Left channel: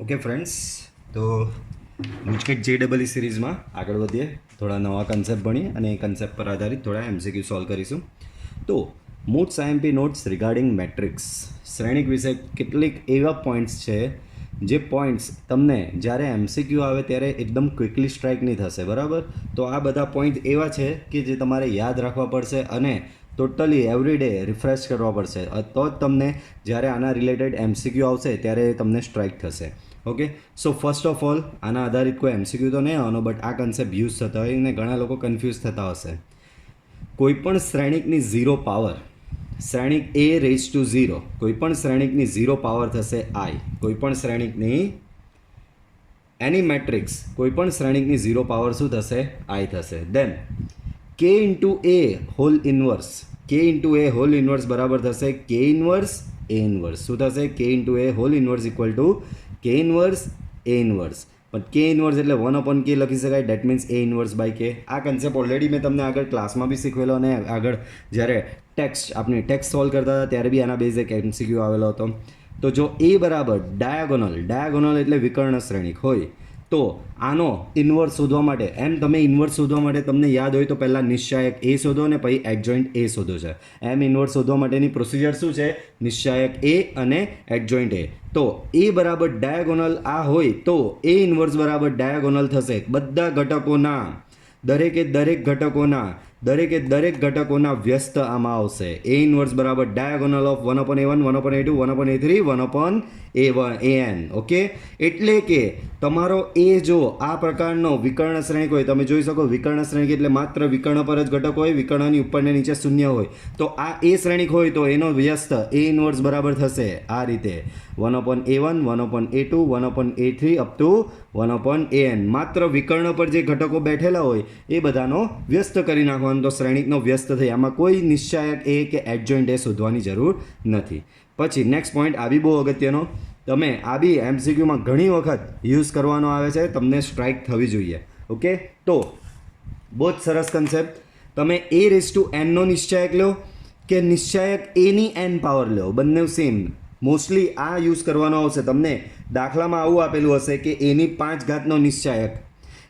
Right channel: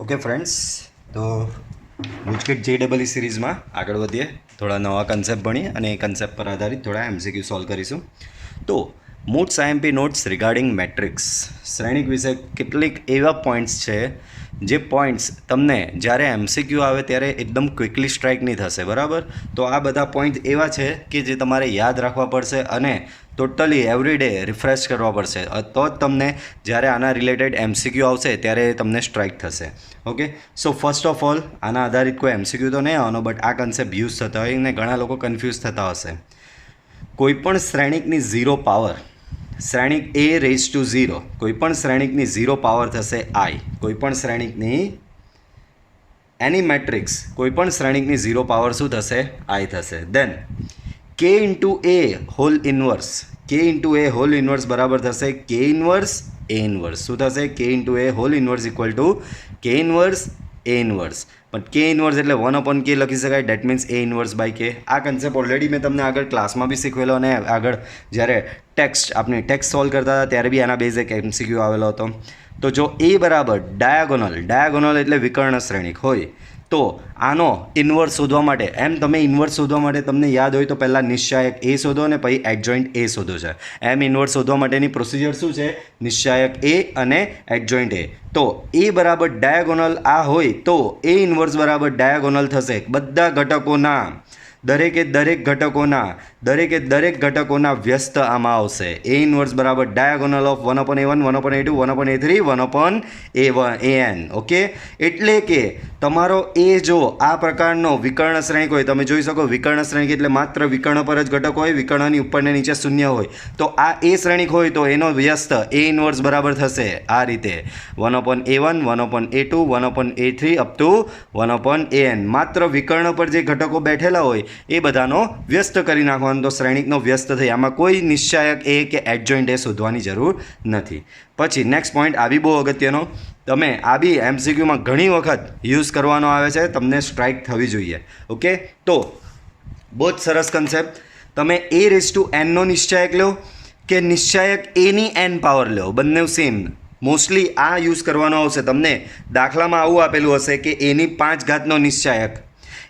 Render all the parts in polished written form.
Okay friends, તો GUJCET JEE સિરીઝમાં આગળ વધીએ. થોડા નવા કન્સેપ્ટ ભણીએ અને એ કન્સેપ્ટ પર આધારિત થોડા MCQ સોલ્વ કરીશું. તો most IMP notes regarding matrix શ્રેણિક વિશે કેટલીક એવા પોઈન્ટ્સ છે જે પોઈન્ટ્સ તમને જ્યારે MCQ આવે ત્યારે એકદમ ક્વિકલી સ્ટ્રાઇક નહીં થશે, બરાબર? તો આ બધા પોઈન્ટ એવા છે કે જે તમારે યાદ રાખવા પડશે અને ટોટલી એવરી ડે રિફ્રેશ કરવા પડશે, તો જ તમને જ્યારે આના રિલેટેડ MCQ આવશે ત્યારે તમને સ્ટ્રાઇક થશે. Okay, so first of all આના આધારિત કોઈ MCQ તો નહીં આવવાનો, બટ આ કન્સેપ્ટ યુઝ થતા હોય ને ઘણા લોકો કન્ફ્યુઝ થતા હશે. કોઈપણ શ્રેણિકની 0 પાવર, શ્રેણિક A⁻0, કોઈપણ શ્રેણિકની 0 પાવર થશે I. કોઈપણ શ્રેણિકની એની મેટ્રિક્સ કોઈપણ શ્રેણિકની 0 પાવર શું થશે? I થશે. Then K into A whole inverse, K into A whole inverse બરાબર થશે K ઇન્વર્સ A ઇન્વર્સ. શું થશે? K into A whole inverse equal to K inverse A inverse. પણ K ઇન્વર્સ એટલે 1/K લખી શકાય, that means A inverse by K. આ concept already મેં તમને આગળ ક્લાસમાં બી શીખવેલો અને આગળ જ્યારે આપણી ટેક્સ્ટ સોલ્વ કરતા હતા ત્યારે બી આના બેઝ એક MCQ આવેલો હતો. તો જો A બરાબર ડાયાગોનલ એટલે વિકર્ણ શ્રેણિક હોય તો આનો ઇન્વર્સ શોધવા માટે, તમે ઇન્વર્સ શોધવા માટે તમને યાદ હોય તો પહેલાં નિશ્ચાયક A શોધો અને પછી એડજોઇન્ટ A શોધો છે. ઇન્વર્સ શોધવા માટેની પ્રોસિજર શું છે? નિશ્ચાયક A અને એડજોઇન્ટ A. તો A બરાબર ડાયાગોનલ આ હોય તો A ઇન્વર્સ બરાબર ડાયાગોનલ થશે બધા ઘટકોના, દરેક ઘટકોના વ્યસ્ત આમાં આવશે. A ઇન્વર્સ બરાબર diagonal of 1/A1, 1/A2, 1/A3, 1/A1. Okay, એટલે કે તમારો A જો આ પ્રકારનો વિકર્ણ શ્રેણિક હોય, તમે જોઈ શકો વિકર્ણ શ્રેણિક એટલે માત્ર વિકર્ણ પર જ ઘટક હોય, વિકર્ણની ઉપર ને નીચે શૂન્ય હોય. તો આ A શ્રેણિક હોય તો એનો વ્યસ્ત A ઇન્વર્સ બરાબર થશે આ રીતે 1/A1, 1/A2, 1/A3 up to 1/AN. માત્ર વિકર્ણ પર જે ઘટકો બેઠેલા હોય એ બધાનો વ્યસ્ત કરી નાખવાનો, તો શ્રેણિકનો વ્યસ્ત થઈ. આમાં કોઈ નિશ્ચાયક A કે એડજોઇન્ટ A શોધવાની જરૂર નથી. પછી નેક્સ્ટ પોઈન્ટ આ બી બહુ અગત્યનો, તમે આ બી MCQમાં ઘણી વખત યુઝ કરવાનો આવે છે, તમને સ્ટ્રાઇક થવી જોઈએ. ઓકે, તો બહુ જ સરસ કન્સેપ્ટ. તમે A⁻n નો નિશ્ચાયક લો કે નિશ્ચાયક A ની n પાવર લો, બંને સેમ. મોસ્ટલી આ યુઝ કરવાનો આવશે. તમને દાખલામાં આવું આપેલું હશે કે A ની 5 ઘાતનો નિશ્ચાયક,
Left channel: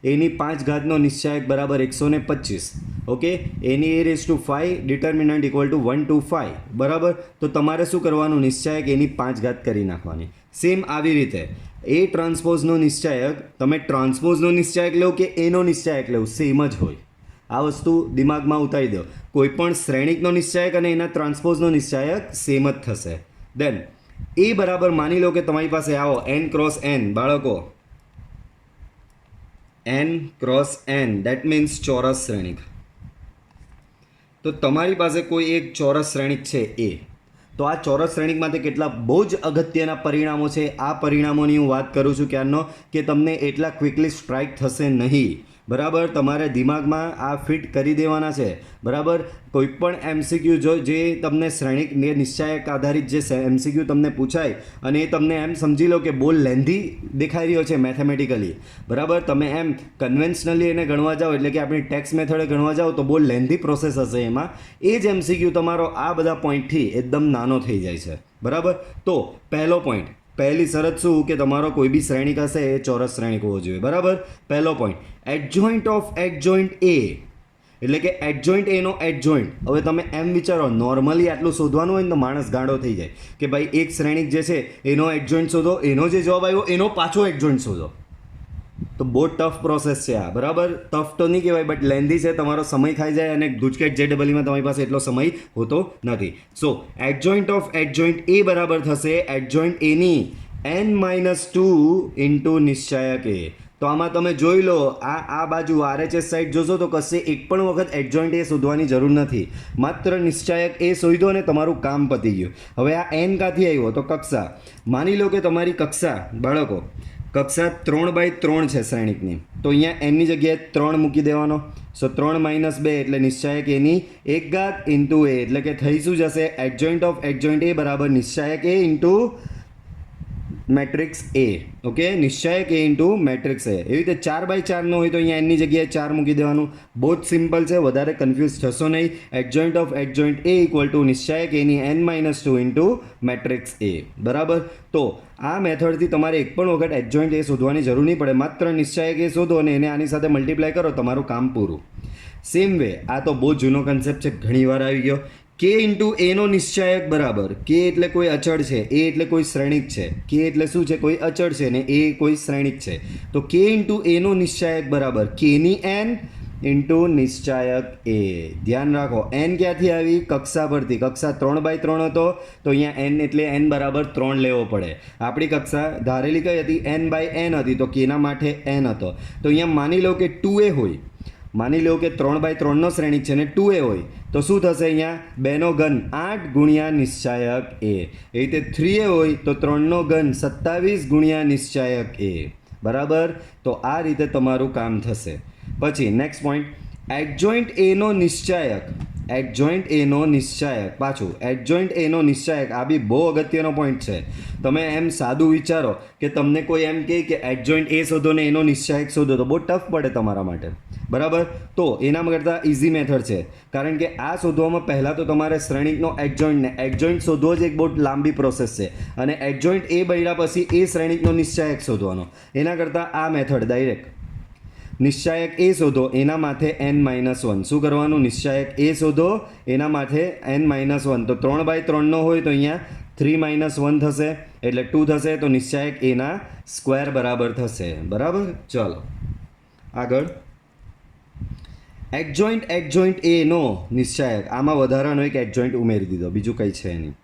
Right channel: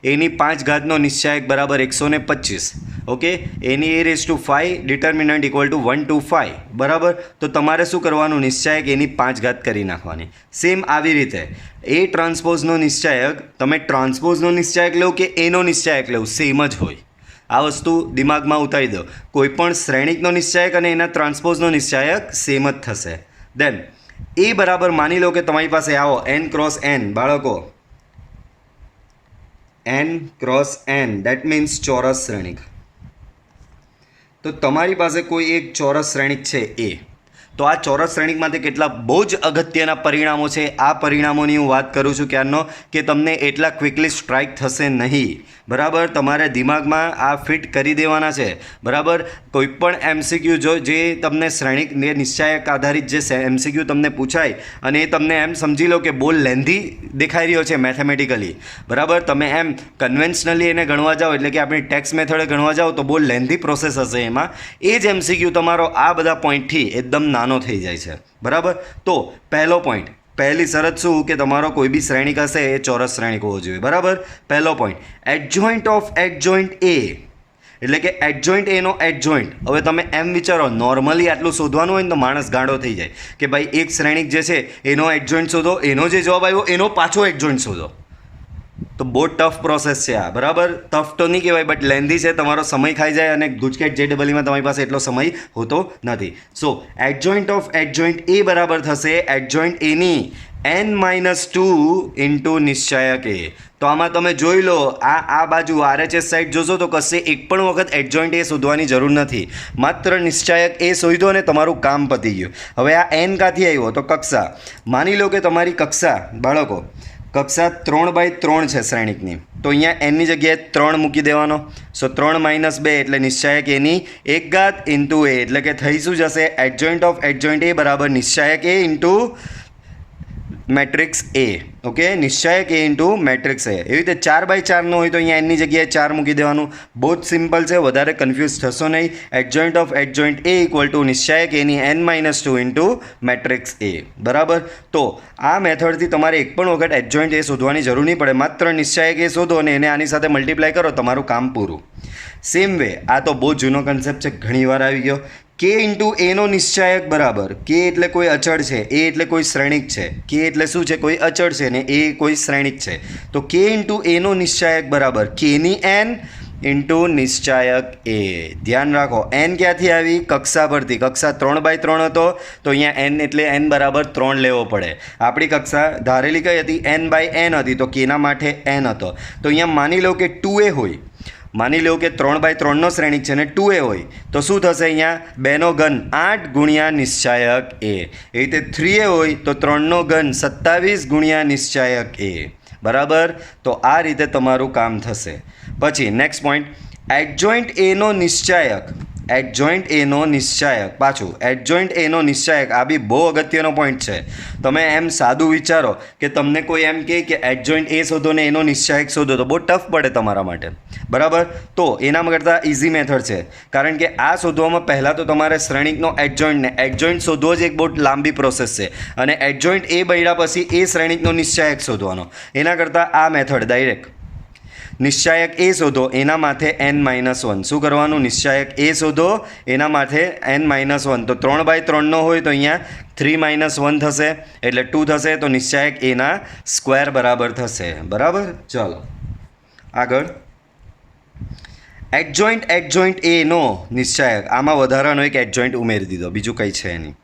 A ની 5 ઘાતનો નિશ્ચાયક બરાબર 125. ઓકે, A ની A⁵ determinant equal to 1 to 5 બરાબર. તો તમારે શું કરવાનું? નિશ્ચાયક A ની 5 ઘાત કરી નાખવાની. સેમ આવી રીતે A ટ્રાન્સપોઝનો નિશ્ચાયક, તમે ટ્રાન્સપોઝનો નિશ્ચાયક લો કે A નો નિશ્ચાયક લો, સેમ જ હોય. આ વસ્તુ દિમાગમાં ઉતારી દો. કોઈ પણ શ્રેણિકનો નિશ્ચાયક અને એના ટ્રાન્સપોઝનો નિશ્ચાયક સેમ જ થશે. દેન A બરાબર માની લો કે તમારી પાસે આવો n×n બાળકો, n×n દેટ મીન્સ ચોરસ શ્રેણિક. તો તમારી પાસે કોઈ એક ચોરસ શ્રેણિક છે A. તો આ ચોરસ શ્રેણિકમાંથી કેટલા બહુ જ અગત્યના પરિણામો છે. આ પરિણામોની હું વાત કરું છું ક્યારનો, કે તમને એટલા ક્વિકલી સ્ટ્રાઇક થશે નહીં, બરાબર? તમારે દિમાગમાં આ ફિટ કરી દેવાના છે, બરાબર? કોઈ પણ MCQ જે તમને શ્રેણિક નિશ્ચાયક આધારિત જે MCQ તમને પૂછાય અને એ તમને એમ સમજી લો કે બહુ લેન્ધી દેખાઈ રહ્યો છે મેથેમેટિકલી, બરાબર? તમે એમ કન્વેન્શનલી એને ગણવા જાઓ એટલે કે આપણી ટેક્સ મેથડે ગણવા જાઓ તો બહુ લેન્ધી પ્રોસેસ હશે એમાં. એ જ MCQ તમારો આ બધા પોઈન્ટથી એકદમ નાનો થઈ જાય છે, બરાબર? તો પહેલો પોઈન્ટ, પહેલી શરત શું કે તમારો કોઈ બી શ્રેણિક હશે એ ચોરસ શ્રેણિક હોવો જોઈએ, બરાબર? પહેલો point, adjoint of adjoint A એટલે કે એડજોઇન્ટ A નો એડજોઇન્ટ. હવે તમે એમ વિચારો, નોર્મલી આટલું શોધવાનું હોય ને તો માણસ ગાંડો થઈ જાય કે ભાઈ એક શ્રેણિક જે છે એનો એડજોઇન્ટ શોધો, એનો જે જવાબ આવ્યો એનો પાછો એડજોઇન્ટ શોધો. તો બહુ ટફ પ્રોસેસ છે આ, બરાબર? ટફ તો નહીં કહેવાય બટ લેન્ધી છે, તમારો સમય ખાઈ જાય અને ગુજકેટ JEE માં તમારી પાસે એટલો સમય હોતો નથી. સો એડજોઇન્ટ ઓફ એડજોઇન્ટ A બરાબર થશે એડજોઇન્ટ A ની n-2 ઇન્ટુ નિશ્ચાયક A. તો આમાં તમે જોઈ લો, આ બાજુ RHS સાઈડ જોશો તો કશે એક પણ વખત એડજોઇન્ટ A શોધવાની જરૂર નથી, માત્ર નિશ્ચાયક A શોધો અને તમારું કામ પતી ગયું. હવે આ n ક્યાંથી આવ્યો? તો કક્ષા. માની લો કે તમારી કક્ષા, બાળકો, કક્ષા 3/3 છે શ્રેણિકની, તો અહીંયા n ની જગ્યાએ 3 મૂકી દેવાનો. સો 3 - 2 એટલે નિશ્ચાયક A ની 1 ઘાત ઇન્ટુ A, એટલે કે થઈ શું જશે? એડજોઇન્ટ ઓફ એડજોઇન્ટ A બરાબર નિશ્ચાયક A into matrix A. Okay, નિશ્ચાયક એ ઇન્ટુ મેટ્રિક્સ એ. એવી રીતે 4x4નો હોય તો અહીંયા એનની જગ્યાએ 4 મૂકી દેવાનું. બહુ જ સિમ્પલ છે, વધારે કન્ફ્યુઝ થશો નહીં. Adjoint of adjoint A equal to નિશ્ચાયક એની n-2 ઇન્ટુ મેટ્રિક્સ એ. બરાબર. તો આ મેથડથી તમારે એક પણ વખત એડજોઇન્ટ એ શોધવાની જરૂર નહીં પડે. માત્ર નિશ્ચાયક એ શોધો અને એને આની સાથે મલ્ટીપ્લાય કરો, તમારું કામ પૂરું. સેમ વે આ તો બહુ જૂનો કન્સેપ્ટ છે, ઘણી વાર આવી ગયો. કે ઇન્ટુ એનો નિશ્ચાયક બરાબર, કે એટલે કોઈ અચળ છે, એ એટલે કોઈ શ્રેણિક છે. કે એટલે શું છે? કોઈ અચળ છે ને એ કોઈ શ્રેણિક છે. તો કે ઇન્ટુ એનો નિશ્ચાયક બરાબર કેની n ઇન્ટુ નિશ્ચાયક એ. ધ્યાન રાખો, n ક્યાંથી આવી? કક્ષા પરથી. કક્ષા 3x3 હતો તો અહીંયા n એટલે n બરાબર 3 લેવો પડે. આપણી કક્ષા ધારેલી કઈ હતી? n/n હતી, તો કેના માટે n હતો. તો અહીંયા માની લો કે 2a હોય. માની લો કે 3x3નો શ્રેણિક છે ને 2a હોય તો શું થશે? અહીંયા 2નો ઘન 8 ગુણ્યા નિશ્ચાયક એ. એ રીતે 3a હોય તો 3નો ઘન 27 ગુણ્યા નિશ્ચાયક એ. બરાબર. તો આ રીતે તમારું કામ થશે. પછી નેક્સ્ટ પોઈન્ટ, એડજોઇન્ટ એનો નિશ્ચાયક. એડજોઇન્ટ એનો નિશ્ચાયક. પાછું એડજોઇન્ટ એનો નિશ્ચાયક, આ બી બહુ અગત્યનો પોઈન્ટ છે. તમે એમ સાદું વિચારો કે તમને કોઈ એમ કહે કે એડજોઇન્ટ એ શોધો ને એનો નિશ્ચાયક શોધો તો બહુ ટફ પડે તમારા માટે. બરાબર. તો એના કરતાં ઇઝી મેથડ છે, કારણ કે આ શોધવામાં પહેલાં તો તમારે શ્રેણિકનો એડજોઇન્ટ શોધવો જ એક બહુ લાંબી પ્રોસેસ છે, અને એડજોઇન્ટ એ બન્યા પછી એ શ્રેણિકનો નિશ્ચાયક શોધવાનો. એના કરતાં આ મેથડ ડાયરેક્ટ નિશ્ચાયક એ શોધો, એના માથે n-1. શું કરવાનું? નિશ્ચાયક એ શોધો, એના માથે n-1. તો 3x3નો હોય તો અહીંયા 3-1 થશે એટલે 2 થશે. તો નિશ્ચાયક એના સ્ક્વેર બરાબર થશે. બરાબર. ચલો આગળ, એડજોઇન્ટ એનો નિશ્ચાયક. આમાં વધારાનો એક એડજોઇન્ટ ઉમેરી દીધો, બીજું કંઈ છે નહીં.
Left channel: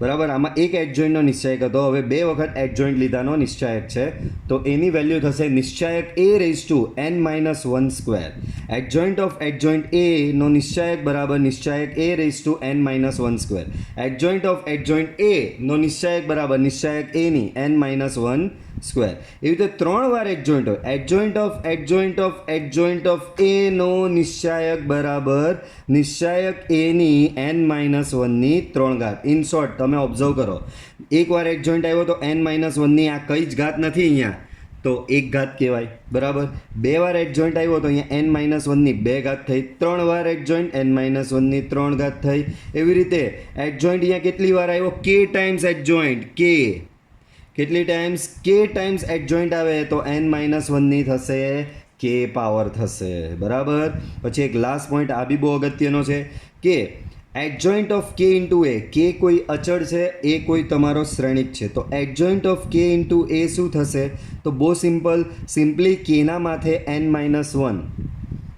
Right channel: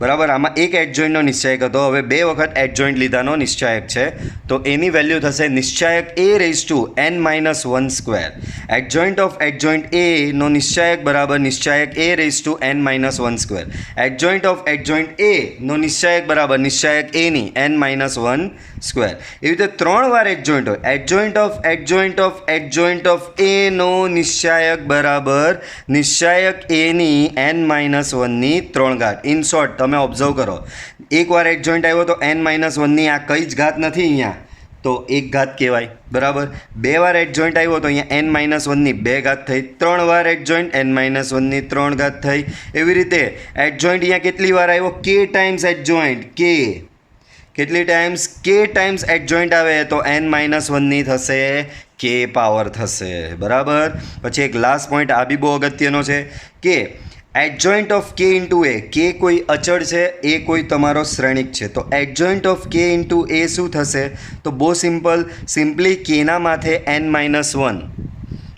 બરાબર. આમાં એક એડજોઇન્ટનો નિશ્ચાયક હતો, હવે 2 વખત એડજોઇન્ટ લીધાનો નિશ્ચાયક છે. તો એની વેલ્યુ થશે નિશ્ચાયક A raise to n-1 square. Adjoint of adjoint A નો નિશ્ચાયક બરાબર નિશ્ચાયક A raise to n-1 square. Adjoint of adjoint A નો નિશ્ચાયક બરાબર નિશ્ચાયક એની n-1 સ્ક્વેર. એવી રીતે 3 વાર એડજોઇન્ટ હોય. એડજોઇન્ટ ઓફ એડજોઇન્ટ ઓફ એ નો નિશ્ચાયક બરાબર નિશ્ચાયક એની n-1ની 3 ઘાત. ઇન શોર્ટ તમે ઓબ્ઝર્વ કરો, એકવાર એડજોઇન્ટ આવ્યો તો n-1ની આ કઈ જ ઘાત નથી અહીંયા, તો 1 ઘાત કહેવાય. બરાબર. 2 વાર એડજોઇન્ટ આવ્યો તો અહીંયા n-1ની 2 ઘાત થઈ. 3 વાર એડજોઇન્ટ n-1ની 3 ઘાત થઈ. એવી રીતે એડજોઇન્ટ અહીંયા કેટલી વાર આવ્યો? k times adjoint. k કેટલી ટાઈમ્સ? k ટાઈમ્સ એડજોઇન્ટ આવે તો n-1ની થશે k પાવર થશે. બરાબર. પછી એક લાસ્ટ પોઈન્ટ, આ બી બહુ અગત્યનો છે કે એડજોઇન્ટ ઓફ કે ઇન્ટુ એ. કે કોઈ અચળ છે, એ કોઈ તમારો શ્રેણિક છે. તો એડજોઇન્ટ ઓફ કે ઇન્ટુ એ શું થશે? તો બહુ સિમ્પલી કેના માથે n-1.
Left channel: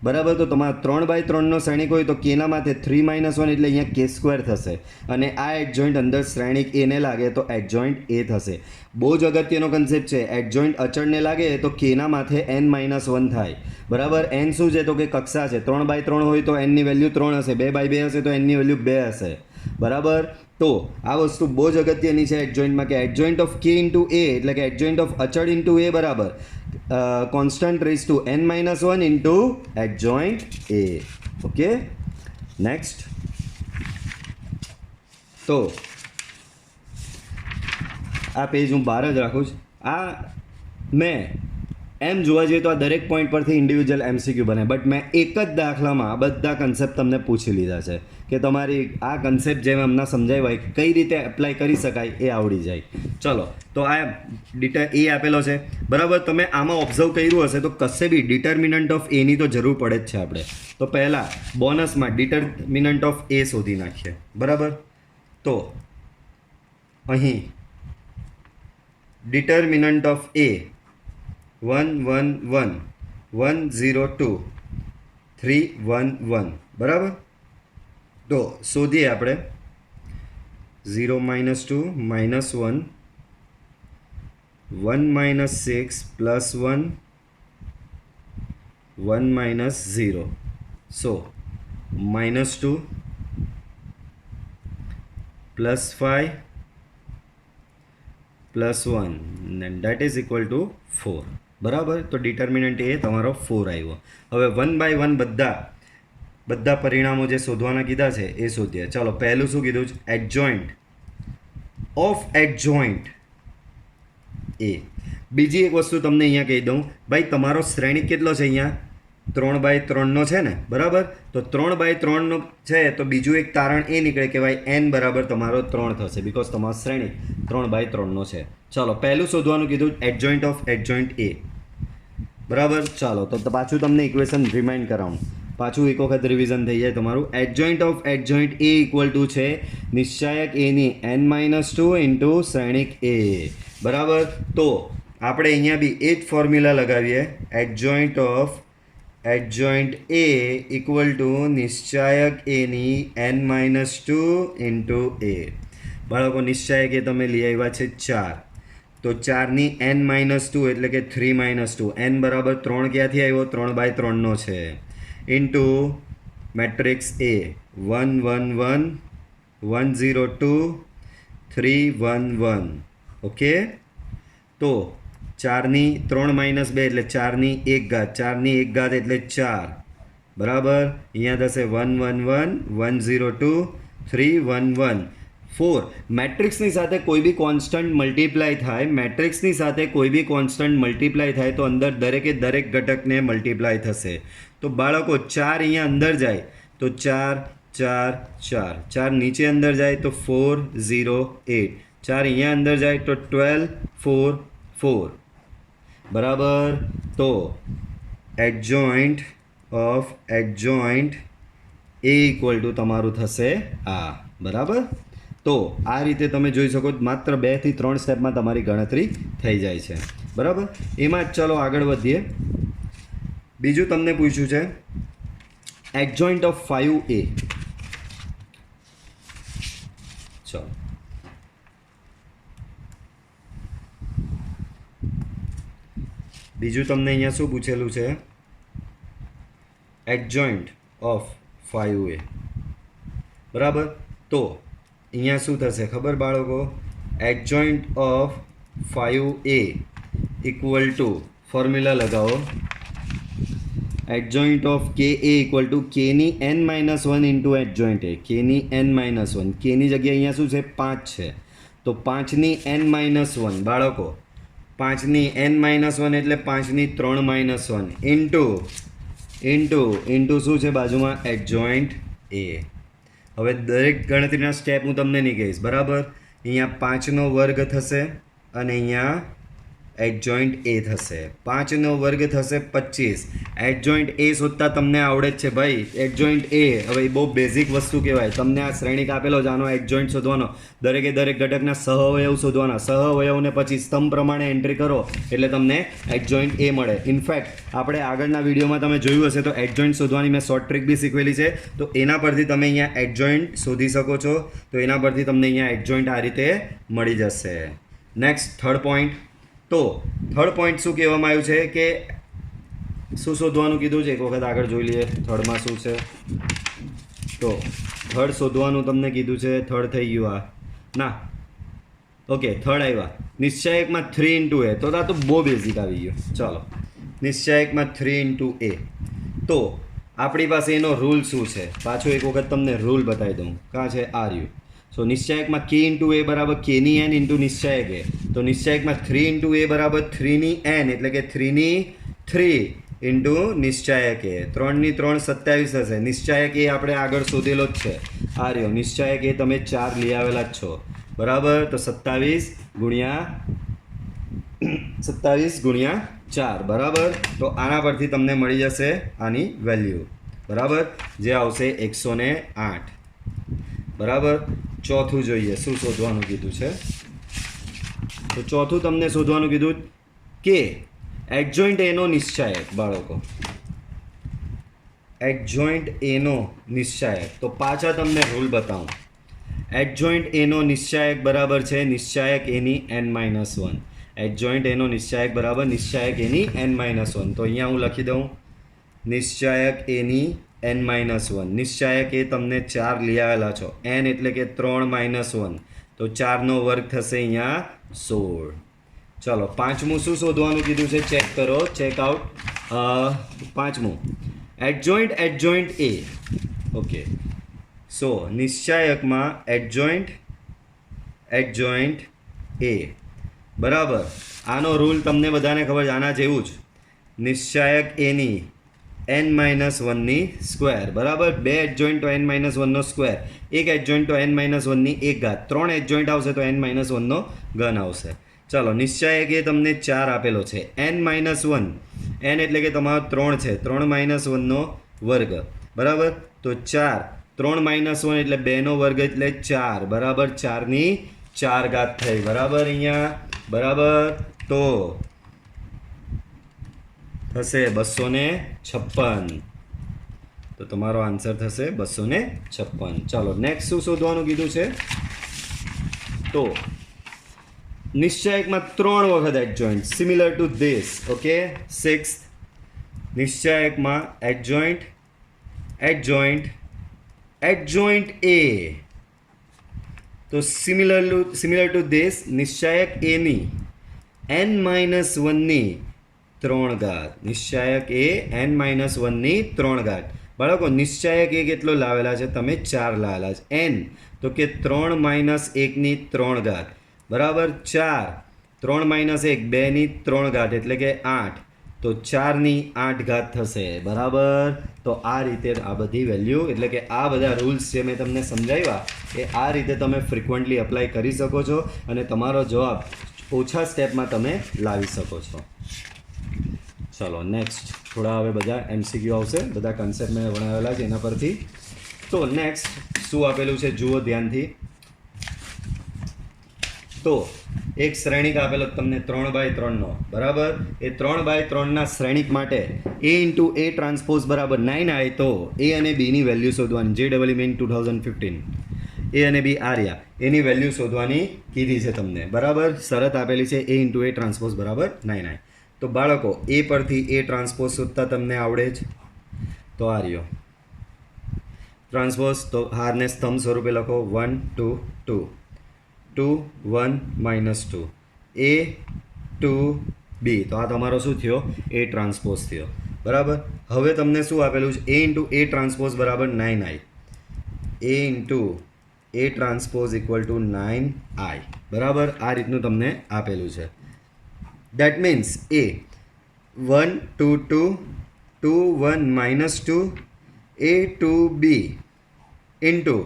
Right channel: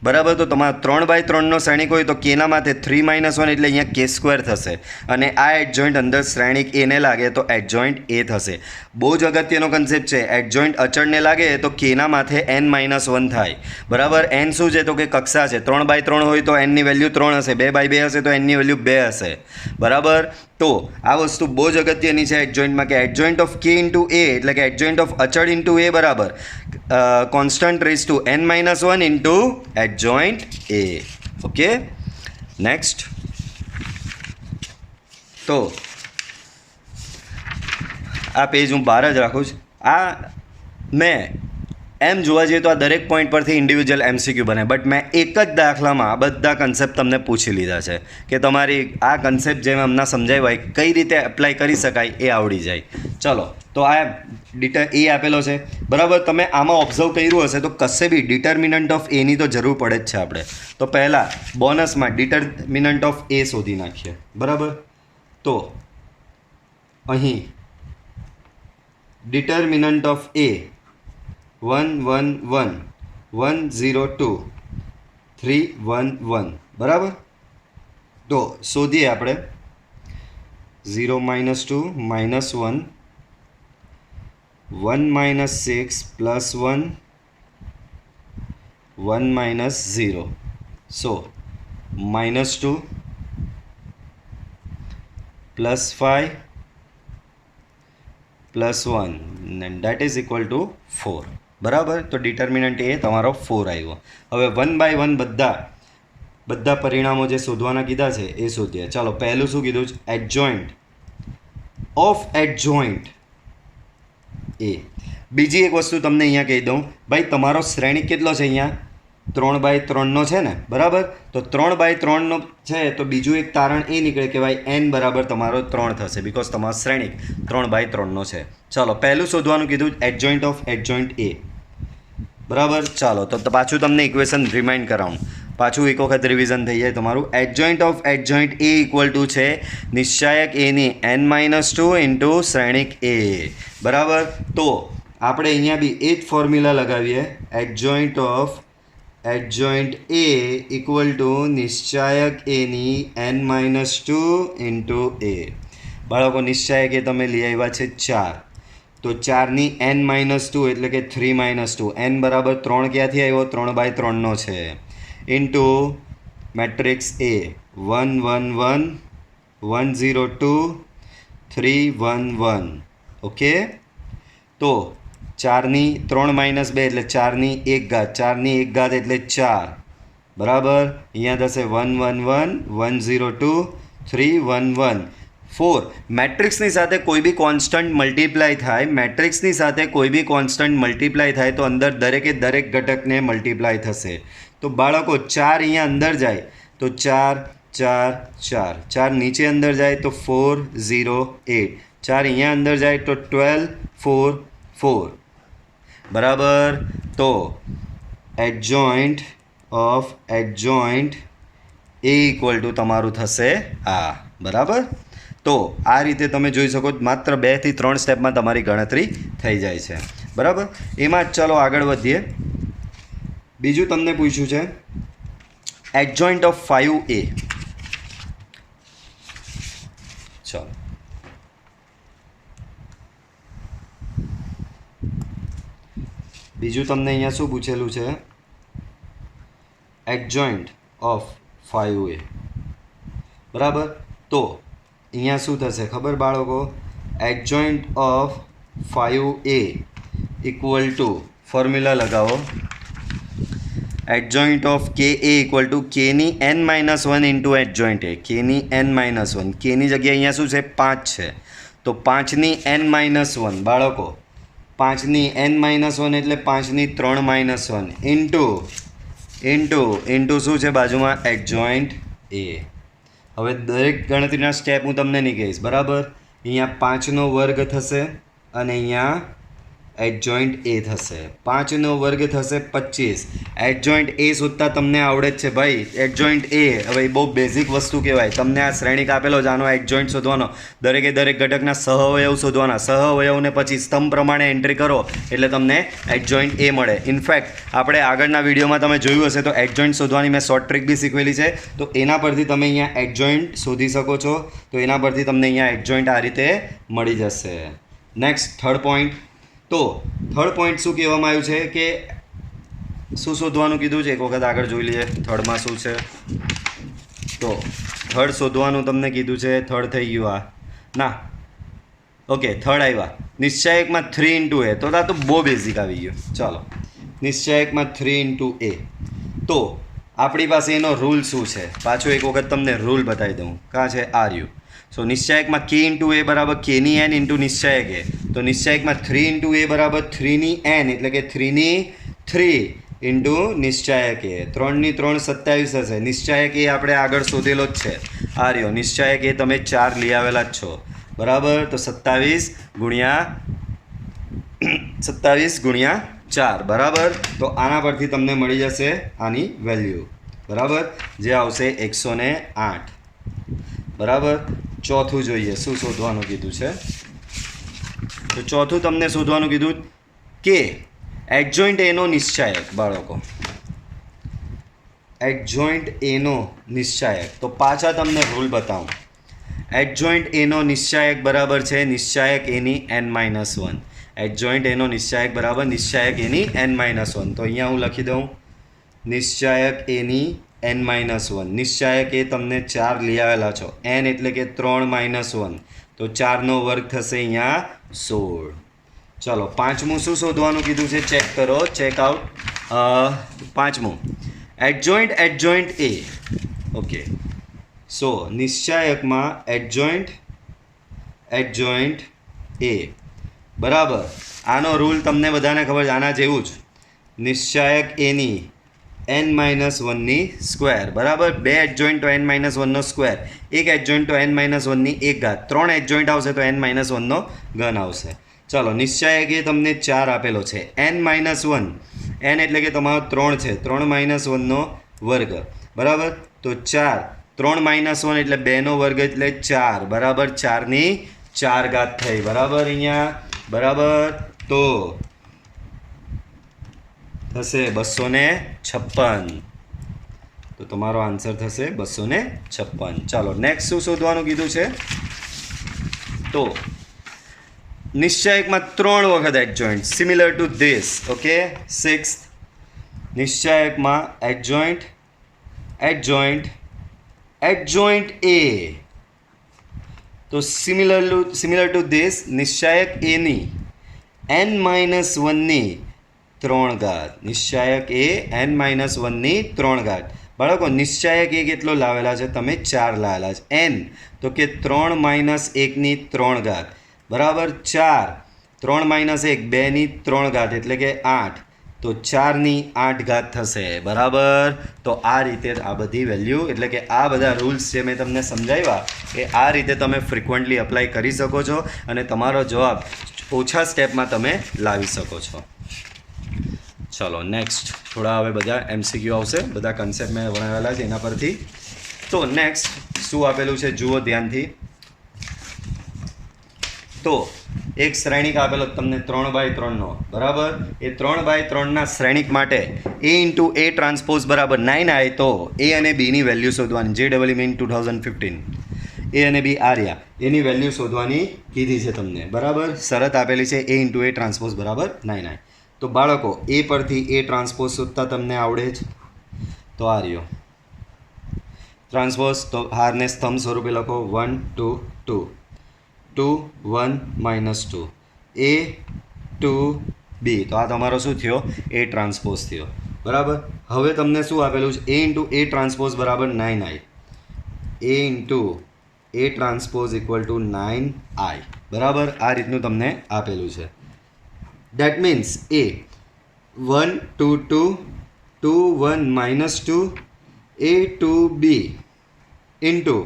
બરાબર. તો તમારા 3x3નો શ્રેણિક હોય તો કેના માથે 3-1 એટલે અહીંયા k² થશે. અને આ એડજોઇન્ટ અંદર શ્રેણિક એને લાગે તો એડજોઇન્ટ એ થશે. બહુ જ અગત્યનો કન્સેપ્ટ છે. એડજોઇન્ટ અચળને લાગે તો કેના માથે n-1 થાય. બરાબર. n શું છે? તો કે કક્ષા છે. 3x3 હોય તો n ની વેલ્યુ 3 હશે, 2x2 હશે તો n ની વેલ્યુ 2 હશે. બરાબર. તો આ વસ્તુ બહુ જ અગત્યની છે એડજોઇન્ટમાં, કે adjoint of K into A એટલે કે એડજોઇન્ટ ઓફ અચળ ઇન્ટુ એ બરાબર constant raise to n-1 into adjoint A. Okay. Next. તો આ પેજ હું બહાર જ રાખું છું. આ મેં એમ જોવા જઈએ તો આ દરેક પોઈન્ટ પરથી ઇન્ડિવિજ્યુઅલ MCQ બને, બટ મેં એક જ દાખલામાં આ બધા કન્સેપ્ટ તમને પૂછી લીધા છે કે તમારી આ કન્સેપ્ટ જેમ હમણાં સમજાવ્યા કઈ રીતે એપ્લાય કરી શકાય એ આવડી જાય. ચલો, તો આ એ આપેલો છે. બરાબર. તમે આમાં ઓબ્ઝર્વ કર્યું હશે તો કશે બી ડિટર્મિનન્ટ ઓફ એની તો જરૂર પડે જ છે આપણે. તો પહેલાં બોનસમાં ડિટર્મિનન્ટ ઓફ એ શોધી નાખીએ. બરાબર. તો અહીં ડિટર્મિનન્ટ ઓફ એ 1 1 1 1 0 2 3 1 1. બરાબર. તો શોધીએ આપણે. 0 -2 -1 1 -6 +1 1 -0. So -2 +5 +1 and that is equal to 4. બરાબર. તો ડિટર્મિનન્ટ એ તમારો 4 આવ્યો. હવે 1 by 1 બધા પરિણામો જે શોધવાના કીધા છે એ શોધીએ. ચાલો, પહેલું શું કીધું છે? એડજોઇન્ટ ઓફ એડજોઇન્ટ એ. બીજી એક વસ્તુ તમને અહીંયા કહી દઉં, ભાઈ તમારો શ્રેણિક કેટલો છે અહીંયા 3/3 છે ને, બરાબર? તો 3/3 છે તો બીજું એક તારણ એ નીકળે કે ભાઈ n બરાબર તમારો 3 થશે, બિકોઝ તમારો શ્રેણિક 3/3 છે. ચાલો પહેલું શોધવાનું કીધું એડજોઇન્ટ ઓફ એડજોઇન્ટ એ, બરાબર? ચાલો તો પાછું તમને ઇક્વેશન રિમાઇન્ડ કરાવું, પાછું એક વખત રિવિઝન થઈ જાય તમારું. Adjoint of adjoint A equal two છે નિશ્ચાયક એની n-2 ઇન્ટુ શ્રેણિક એ, બરાબર? તો આપણે અહીંયા બી એ જ ફોર્મ્યુલા લગાવીએ, adjoint of adjoint A equal to નિશ્ચાયક એની n-2 ઇન્ટુ એ. બાળકો નિશ્ચાયક એ તમે લઈ આવ્યા છે 4, તો 4ની n-2 એટલે કે 3-2, n બરાબર 3 ક્યાંથી આવ્યો? 3/3 છે, ઇન્ટુ મેટ્રિક્સ એ 1 1 1 1 0 2 3 1 1. ઓકે, તો 4ની 3 - 2 એટલે 4ની 1 ઘાત, 4ની 1 ઘાત એટલે 4, બરાબર? અહીંયા થશે 1 1 1 1 0 2 3 1 1 4. મેટ્રિક્સની સાથે કોઈ બી કોન્સ્ટન્ટ મલ્ટીપ્લાય થાય, મેટ્રિક્સની સાથે કોઈ બી કોન્સ્ટન્ટ મલ્ટીપ્લાય થાય તો અંદર દરેકે દરેક ઘટકને મલ્ટીપ્લાય થશે. તો બાળકો 4 અહીંયા અંદર જાય તો 4 4 4, 4 નીચે અંદર જાય તો 4 0 8, 4 અહીંયા અંદર જાય તો 12 4 4, બરાબર? તો adjoint of adjoint A equal two તમારું થશે આ, બરાબર? તો આ રીતે તમે જોઈ શકો માત્ર 2 થી 3 સ્ટેપમાં તમારી ગણતરી થઈ જાય છે, બરાબર? એમાં જ ચાલો આગળ વધીએ. બીજું તમને પૂછ્યું છે એડજોઇન્ટ ઓફ 5a. ચાલો બીજું તમને અહીંયા શું પૂછેલું છે? એડજોઇન્ટ ઓફ 5a, બરાબર? તો અહીંયા શું થશે ખબર બાળકો? Adjoint of 5a equal to formula લગાવો, એડજોઇન્ટ ઓફ કે એ ઇક્વલ ટુ કેની n-1 ઇન્ટુ એડજોઇન્ટ એ, કેની n-1, કેની જગ્યાએ અહીંયા શું છે 5 છે, તો 5ની n-1 બાળકો, 5ની n-1 એટલે 5ની 3-1 ઇન્ટુ શું છે બાજુમાં? એડજોઇન્ટ એ. હવે દરેક ગણતરીના સ્ટેપ હું તમને નહીં કહીશ, બરાબર? અહીંયા 5નો વર્ગ થશે અને અહીંયા એડજોઇન્ટ એ થશે. 5નો વર્ગ થશે 25. એડજોઇન્ટ એ શોધતા તમને આવડે જ છે ભાઈ, એડજોઇન્ટ એ હવે બહુ બેઝિક વસ્તુ કહેવાય. તમને આ શ્રેણિક આપેલો છે, આનો એડજોઇન્ટ શોધવાનો, દરેકે દરેક ઘટકના સહઅવયવ શોધવાના, સહઅવયવને પછી સ્તંભ પ્રમાણે એન્ટ્રી કરો એટલે તમને એડજોઇન્ટ એ મળે. ઇનફેક્ટ આપણે આગળના વિડીયોમાં તમે જોયું હશે તો એડજોઇન્ટ શોધવાની મેં શોર્ટ ટ્રિક બી શીખવેલી છે, તો એના પરથી તમે અહીંયા એડજોઇન્ટ શોધી શકો છો. તો એના પરથી તમને અહીંયા એડજોઇન્ટ આ રીતે મળી જશે. Next third point. તો થર્ડ પોઈન્ટ શું કહેવામાં આવ્યું છે કે શું શોધવાનું કીધું છે? એક વખત આગળ જોઈ લઈએ થર્ડમાં શું છે. તો થર્ડ શોધવાનું તમને કીધું છે, થર્ડ થઈ ગયું આ ના, ઓકે થર્ડ આવ્યા નિશ્ચાયકમાં 3 ઇન્ટુ એ. તો આ તો બહુ બેઝિક આવી ગયું. ચાલો નિશ્ચાયકમાં 3 ઇન્ટુ એ. તો આપણી પાસે એનો રૂલ શું છે? પાછો એક વખત તમને રૂલ બતાવી દઉં. કાં છે? આ રહ્યું. સો નિશ્ચાયકમાં k ઇન્ટુ એ બરાબર kની n ઇન્ટુ નિશ્ચાયક એ. તો નિશ્ચાયકમાં 3 ઇન્ટુ એ બરાબર 3ની n એટલે કે 3ની 3 ઇન્ટુ નિશ્ચાયક એ. 3ની 3 27 હશે. નિશ્ચાયક એ આપણે આગળ શોધેલો જ છે, આ રહ્યો નિશ્ચાયક એ તમે 4 લઈ આવેલા જ છો, બરાબર? તો 27 ગુણ્યા 4, બરાબર? તો આના પરથી તમને મળી જશે આની વેલ્યુ, બરાબર? જે આવશે 108, બરાબર? ચોથું જોઈએ શું શોધવાનું કીધું છે. તો ચોથું તમને શોધવાનું કીધું કે એડજોઇન્ટ એનો નિશ્ચાયક. બાળકો એડજોઇન્ટ એનો નિશ્ચાયક, તો પાછા તમને રૂલ બતાવું. એડજોઇન્ટ એનો નિશ્ચાયક બરાબર છે નિશ્ચાયક એની n-1. એડજોઇન્ટ એનો નિશ્ચાયક બરાબર નિશ્ચાયક એની n-1. તો અહીંયા હું લખી દઉં નિશ્ચાયક એની n-1. નિશ્ચાયક એ તમને 4 લઈ આવેલા છો, n એટલે કે 3-1, તો 4નો વર્ગ થશે અહીંયા 16. ચાલો પાંચમું શું શોધવાનું કીધું છે? ચેક કરો, ચેક આઉટ. પાંચમું adjoint adjoint A. Okay, so નિશ્ચાયકમાં adjoint adjoint એ, બરાબર? આનો રૂલ તમને બધાને ખબર છે, આના જેવું જ. નિશ્ચાયક એની n-1ની સ્ક્વેર બરાબર. 2 એડજોઇન્ટ તો n-1નો સ્ક્વેર, 1 એડજોઇન્ટ તો n-1ની 1 ઘાત, 3 એડજોઇન્ટ આવશે તો n-1નો ઘન આવશે. ચાલો, નિશ્ચાયક એ તમને 4 આપેલો છે. n-1, n એટલે કે તમારો 3 છે, 3 - 1નો વર્ગ બરાબર. તો 4, 3 - 1 એટલે 2નો વર્ગ એટલે 4 બરાબર. 4ની 4 ઘાત થઈ બરાબર અહીંયા બરાબર. તો થશે 256. તો તમારો આન્સર થશે 256. ચાલો, નેક્સ્ટ શું શોધવાનું કીધું છે? તો નિશ્ચાયકમાં 3 વખત adjoint similar to this. Okay, 6th નિશ્ચાયકમાં એડજોઇન્ટ એડજોઇન્ટ એડજોઇન્ટ એ. તો સિમિલર ટુ ધીસ નિશ્ચાયક એની n-1ની 3 ઘાત. નિશ્ચાયક એ n-1ની 3 ઘાત. બાળકો, નિશ્ચાયક એ કેટલો લાવેલા છે? તમે 4 લાવેલા છે. n તો કે 3 - 1ની 3 ઘાત બરાબર. 4, 3 - 1 2ની 3 ઘાત એટલે કે 8. તો 4ની 8 ઘાત થશે બરાબર. તો આ રીતે આ બધી વેલ્યુ એટલે કે આ બધા રૂલ્સ જે મેં તમને સમજાવ્યા એ આ રીતે તમે ફ્રિકવન્ટલી અપ્લાય કરી શકો છો અને તમારો જવાબ ઓછા સ્ટેપમાં તમે લાવી શકો છો. ચલો, નેક્સ્ટ થોડા હવે બધા MCQ આવશે. બધા કન્સેપ્ટ મેં બનાવેલા છે એના પરથી. તો નેક્સ્ટ શું આપેલું છે જુઓ ધ્યાનથી. તો એક શ્રેણિક આપેલો તમને 3x3નો બરાબર. એ 3x3ના શ્રેણિક માટે A ટ્રાન્સપોઝ બરાબર 9 આવે તો A અને Bની વેલ્યુ શોધવાની. JEE મેઇન 2015 A અને B આ રહ્યા, એની વેલ્યુ શોધવાની કીધી છે તમને બરાબર. શરત આપેલી છે A ટ્રાન્સપોઝ બરાબર 9 આવે. તો બાળકો, એ પરથી A ટ્રાન્સપોઝ શોધતા તમને આવડે જ. તો આ રહ્યો ટ્રાન્સપોઝ. તો હારને સ્તંભ સ્વરૂપે લખો 1 2 2 2 1 -2 A 2 B. તો આ તમારો શું થયો? A ટ્રાન્સપોઝ થયો બરાબર. હવે તમને શું આપેલું છે? A ટ્રાન્સપોઝ બરાબર 9 I. A ટ્રાન્સપોઝ = 9I બરાબર. આ રીતનું તમને આપેલું છે. That means A 1 2 2 2 1 -2 A 2 B into